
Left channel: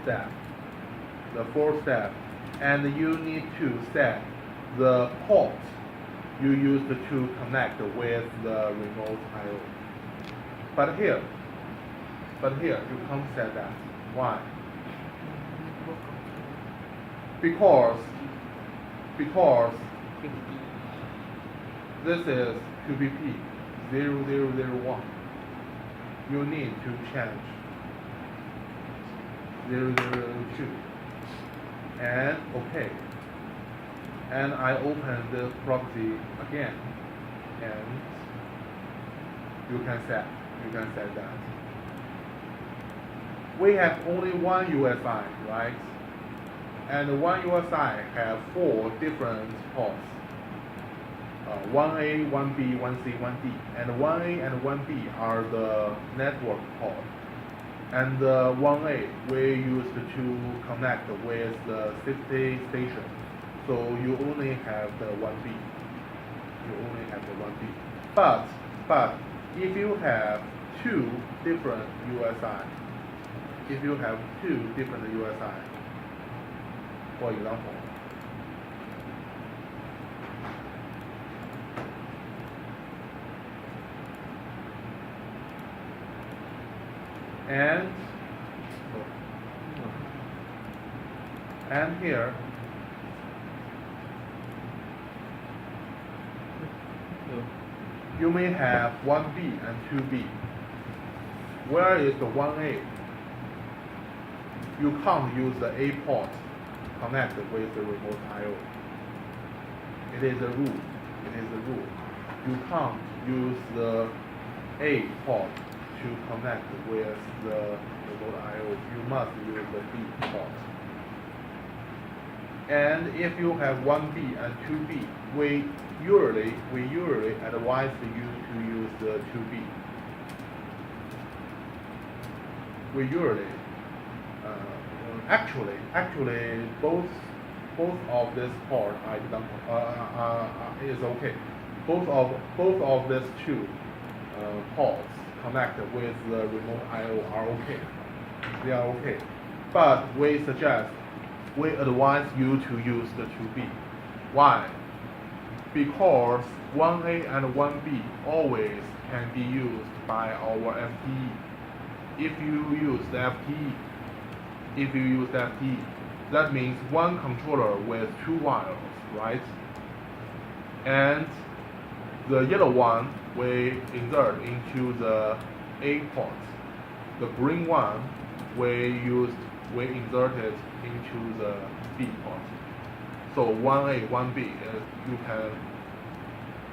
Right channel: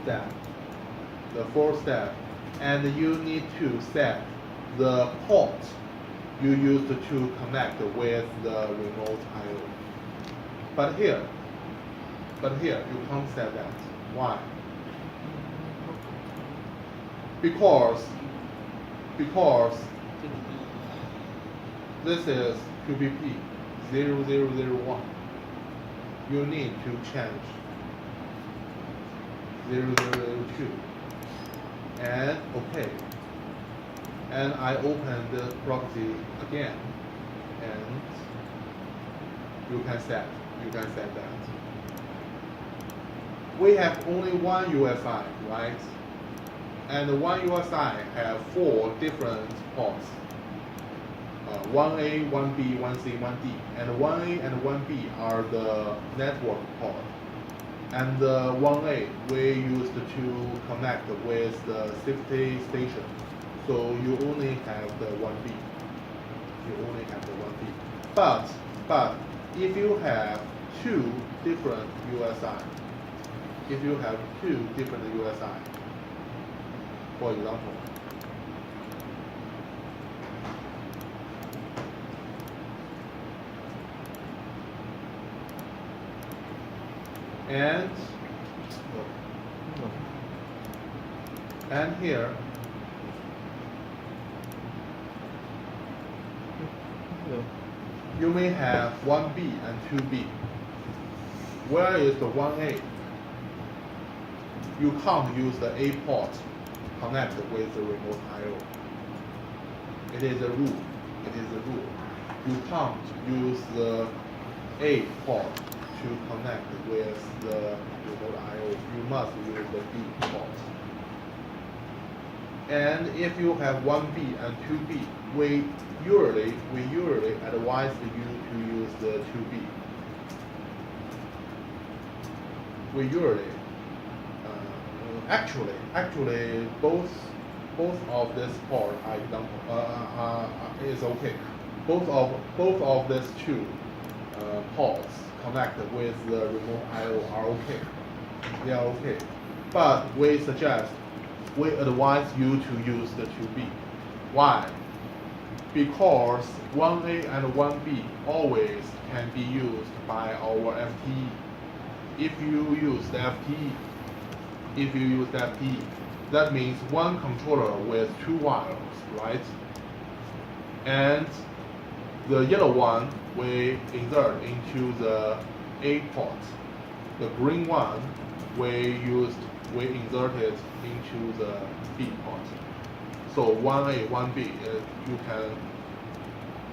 step, and you need to set the port you used to connect with the remote I/O. But here you can't set that. Why? Because this is QPP 0001. You need to change 0002 and OK. And I open the property again, and you can set that. We have only one USI, right? And one USI have 4 different ports. 1A, 1B, 1C, 1D. And 1A and 1B are the network port. And 1A we used to connect with the safety station. So you only have the 1B. But if you have 2 different USI, for example, and here you may have 1B and 2B. Where is the 1A? You can't use the A port connect with the remote I/O. It is a rule. You can't use the A port to connect with the remote I/O. You must use the B port. And if you have 1B and 2B, we usually advise you to use the 2B. Actually, both of this port is okay. Both of these 2 ports connected with the remote I/O are okay. They are okay. But we advise you to use the 2B. Why? Because 1A and 1B always can be used by our FTE. If you use the FTE, that means one controller with 2 wires, right? and the yellow one we insert into the A port. The green one we insert it into the B port. So 1A, 1B,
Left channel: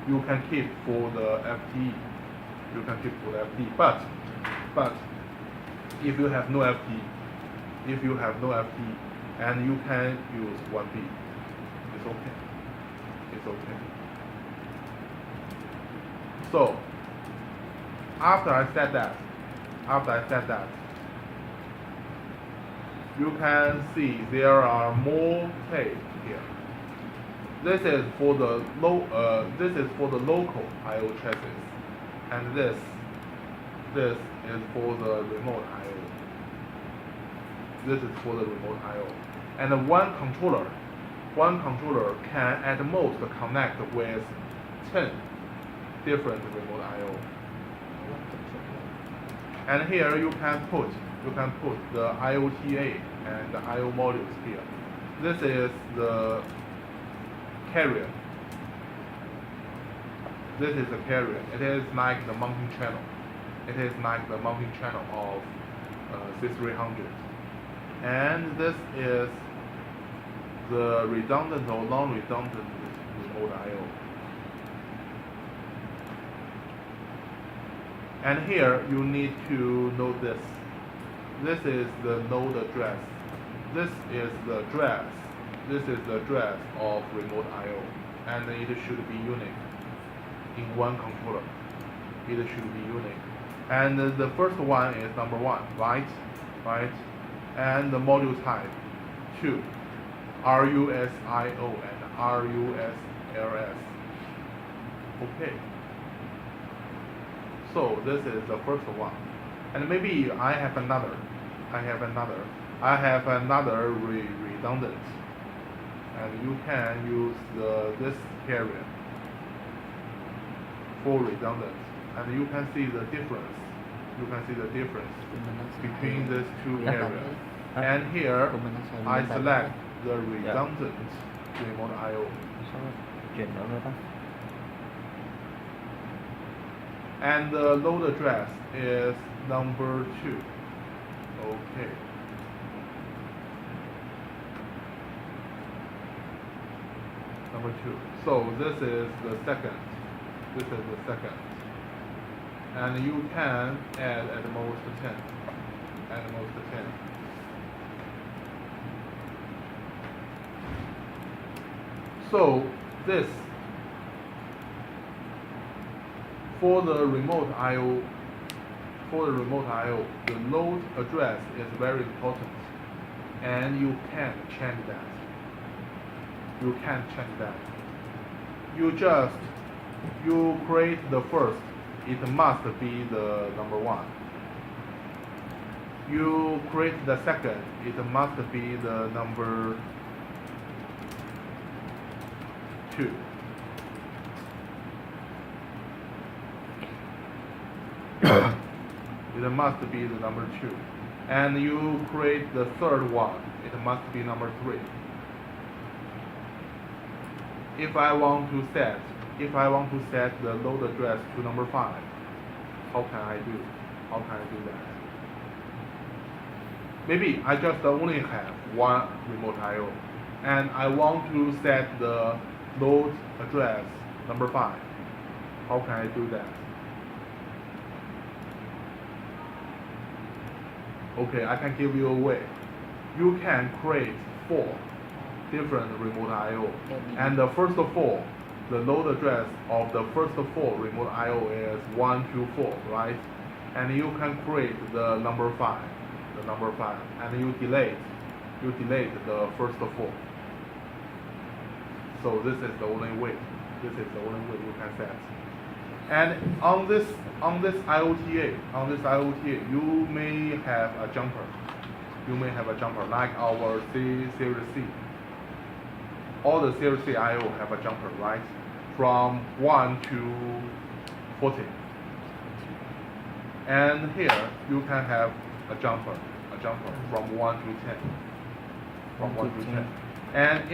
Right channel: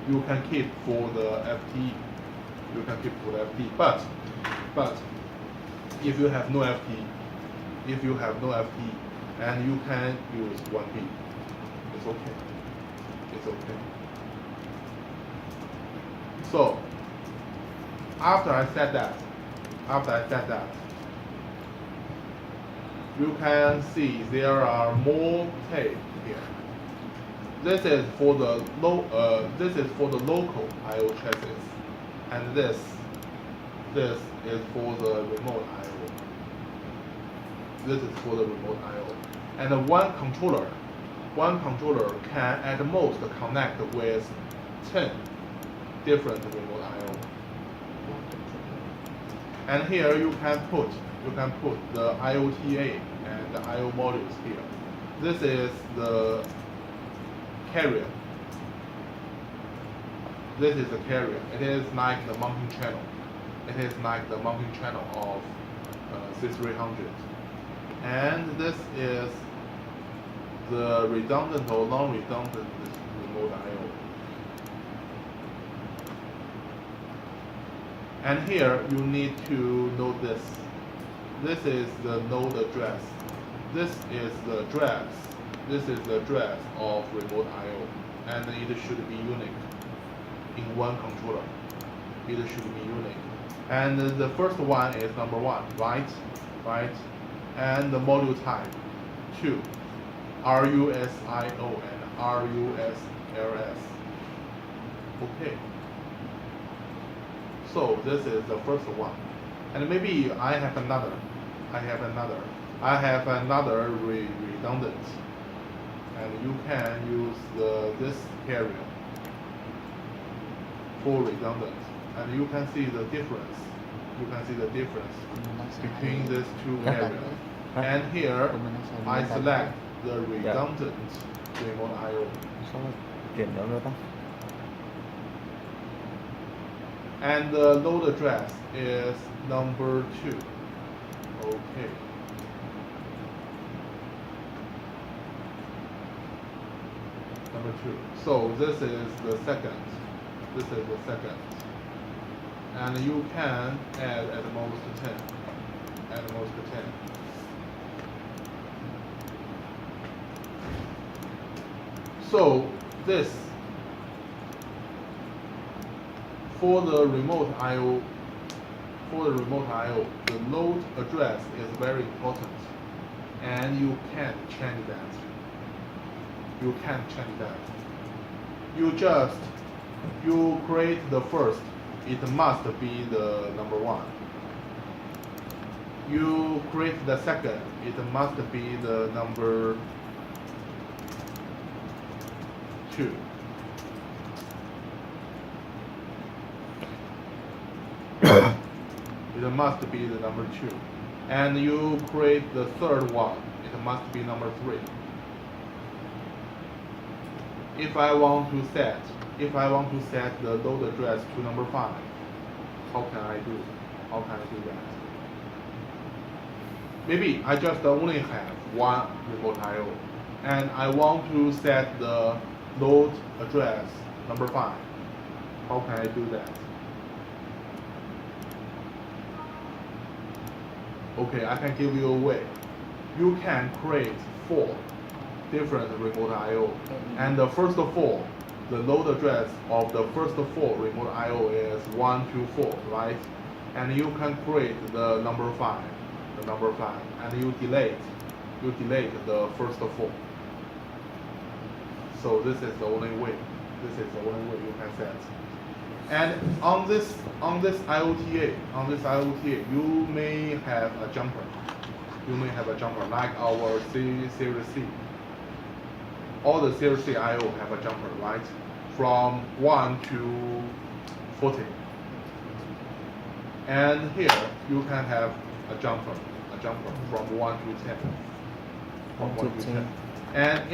you can keep for the FTE. You can keep for the FTE, but if you have no FTE, and you can use 1B, it's okay. It's okay. So after I said that, you can see there are more tape here. This is for the local I/O chassis, and this is for the remote I/O. This is for the remote I/O, and one controller can at most connect with 10 different remote I/O. And here you can put the IOTA and the I/O modules here. This is the carrier. This is the carrier. It is like the mounting channel. It is like the mounting channel of C300. And this is the redundant or non-redundant remote I/O. And here you need to know this. This is the node address. This is the address. This is the address of remote I/O, and it should be unique in one controller. It should be unique. And the first one is number 1, right? And the module type 2, RUSIO and RUSLS. Okay. So this is the first one, and maybe I have another redundant, and you can use this carrier for redundant, and you can see the difference. Between these two areas. And here I select the redundant remote I/O. Số chuyển được nữa ta. And the load address is number 2. Okay. Number 2. So this is the second. And you can add at most 10. So this for the remote I/O, the load address is very important, and you can't change that. You create the first, it must be the number 1. You create the second, it must be the number 2. It must be the number 2. And you create the third one, it must be number 3. If I want to set the load address to number 5, how can I do that? Maybe I just only have one remote I/O, and I want to set the load address number 5. How can I do that? Okay, I can give you a way. You can create 4 different remote I/O, and the first 4, the load address of the first 4 remote I/O is 1, 2, 4, right? And you can create the number 5, and you delete the first 4. So this is the only way. You can set. And on this IOTA, you may have a jumper. Like our Series C. All the Series C I/O have a jumper, right? From 1 to 40. And here you can have a jumper from 1 to 10. And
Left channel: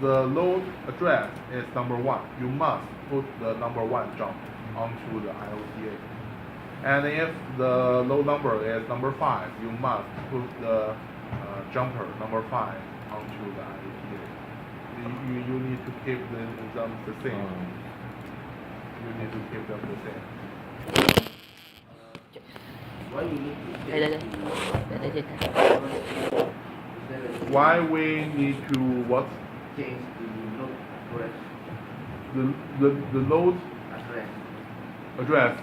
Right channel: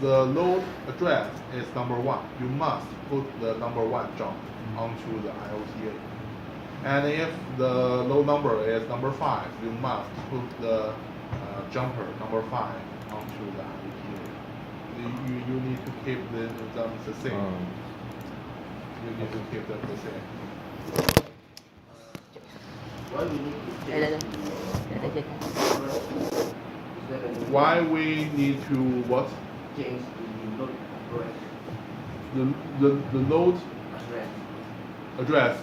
the load address is number 1, you must put the number 1 jump onto the IOTA. And if the load number is number 5, you must put the jumper number 5 onto the IOTA. You need to keep them the same. You need to keep them the same. Why we need to Đây đây change đây. Đây đây đây. Why we need to what? change the load address? The load Address. address,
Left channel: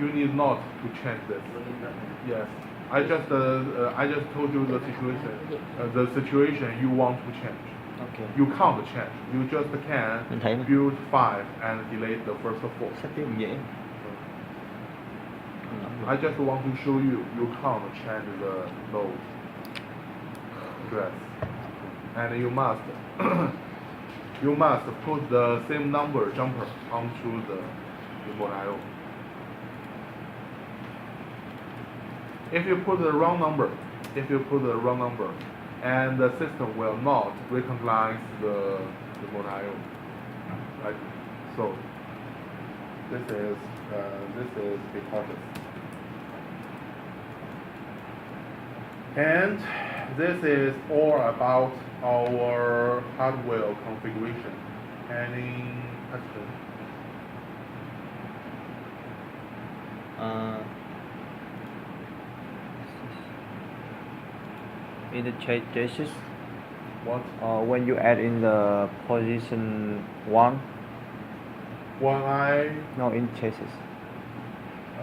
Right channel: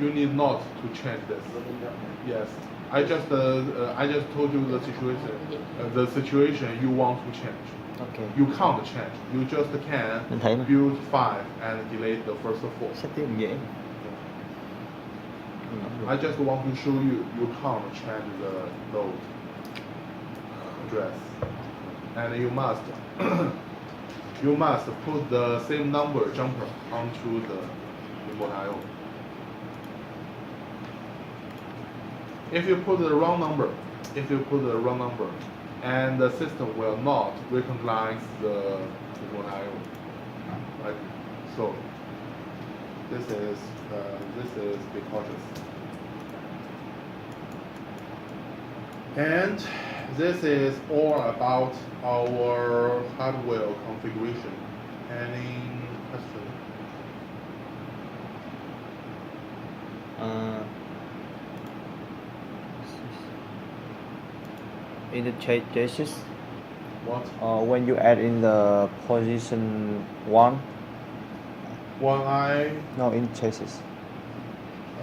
you need not to change this. Yes, I just told you the situation you want to change. Ok. You can't change. You just Mình thấy can mà. build 5 and delete the first 4. Sắp tiếp cũng dễ. I just want to show you can't change the load address, and you must you must put the same number jumper onto the remote IO. If you put the wrong number, and the system will not recognize the remote IO, right? So this is be cautious. And this is all about our hardware configuration. Any question? In the chassis, What? when you add in the position 1, One eye. no, in chassis.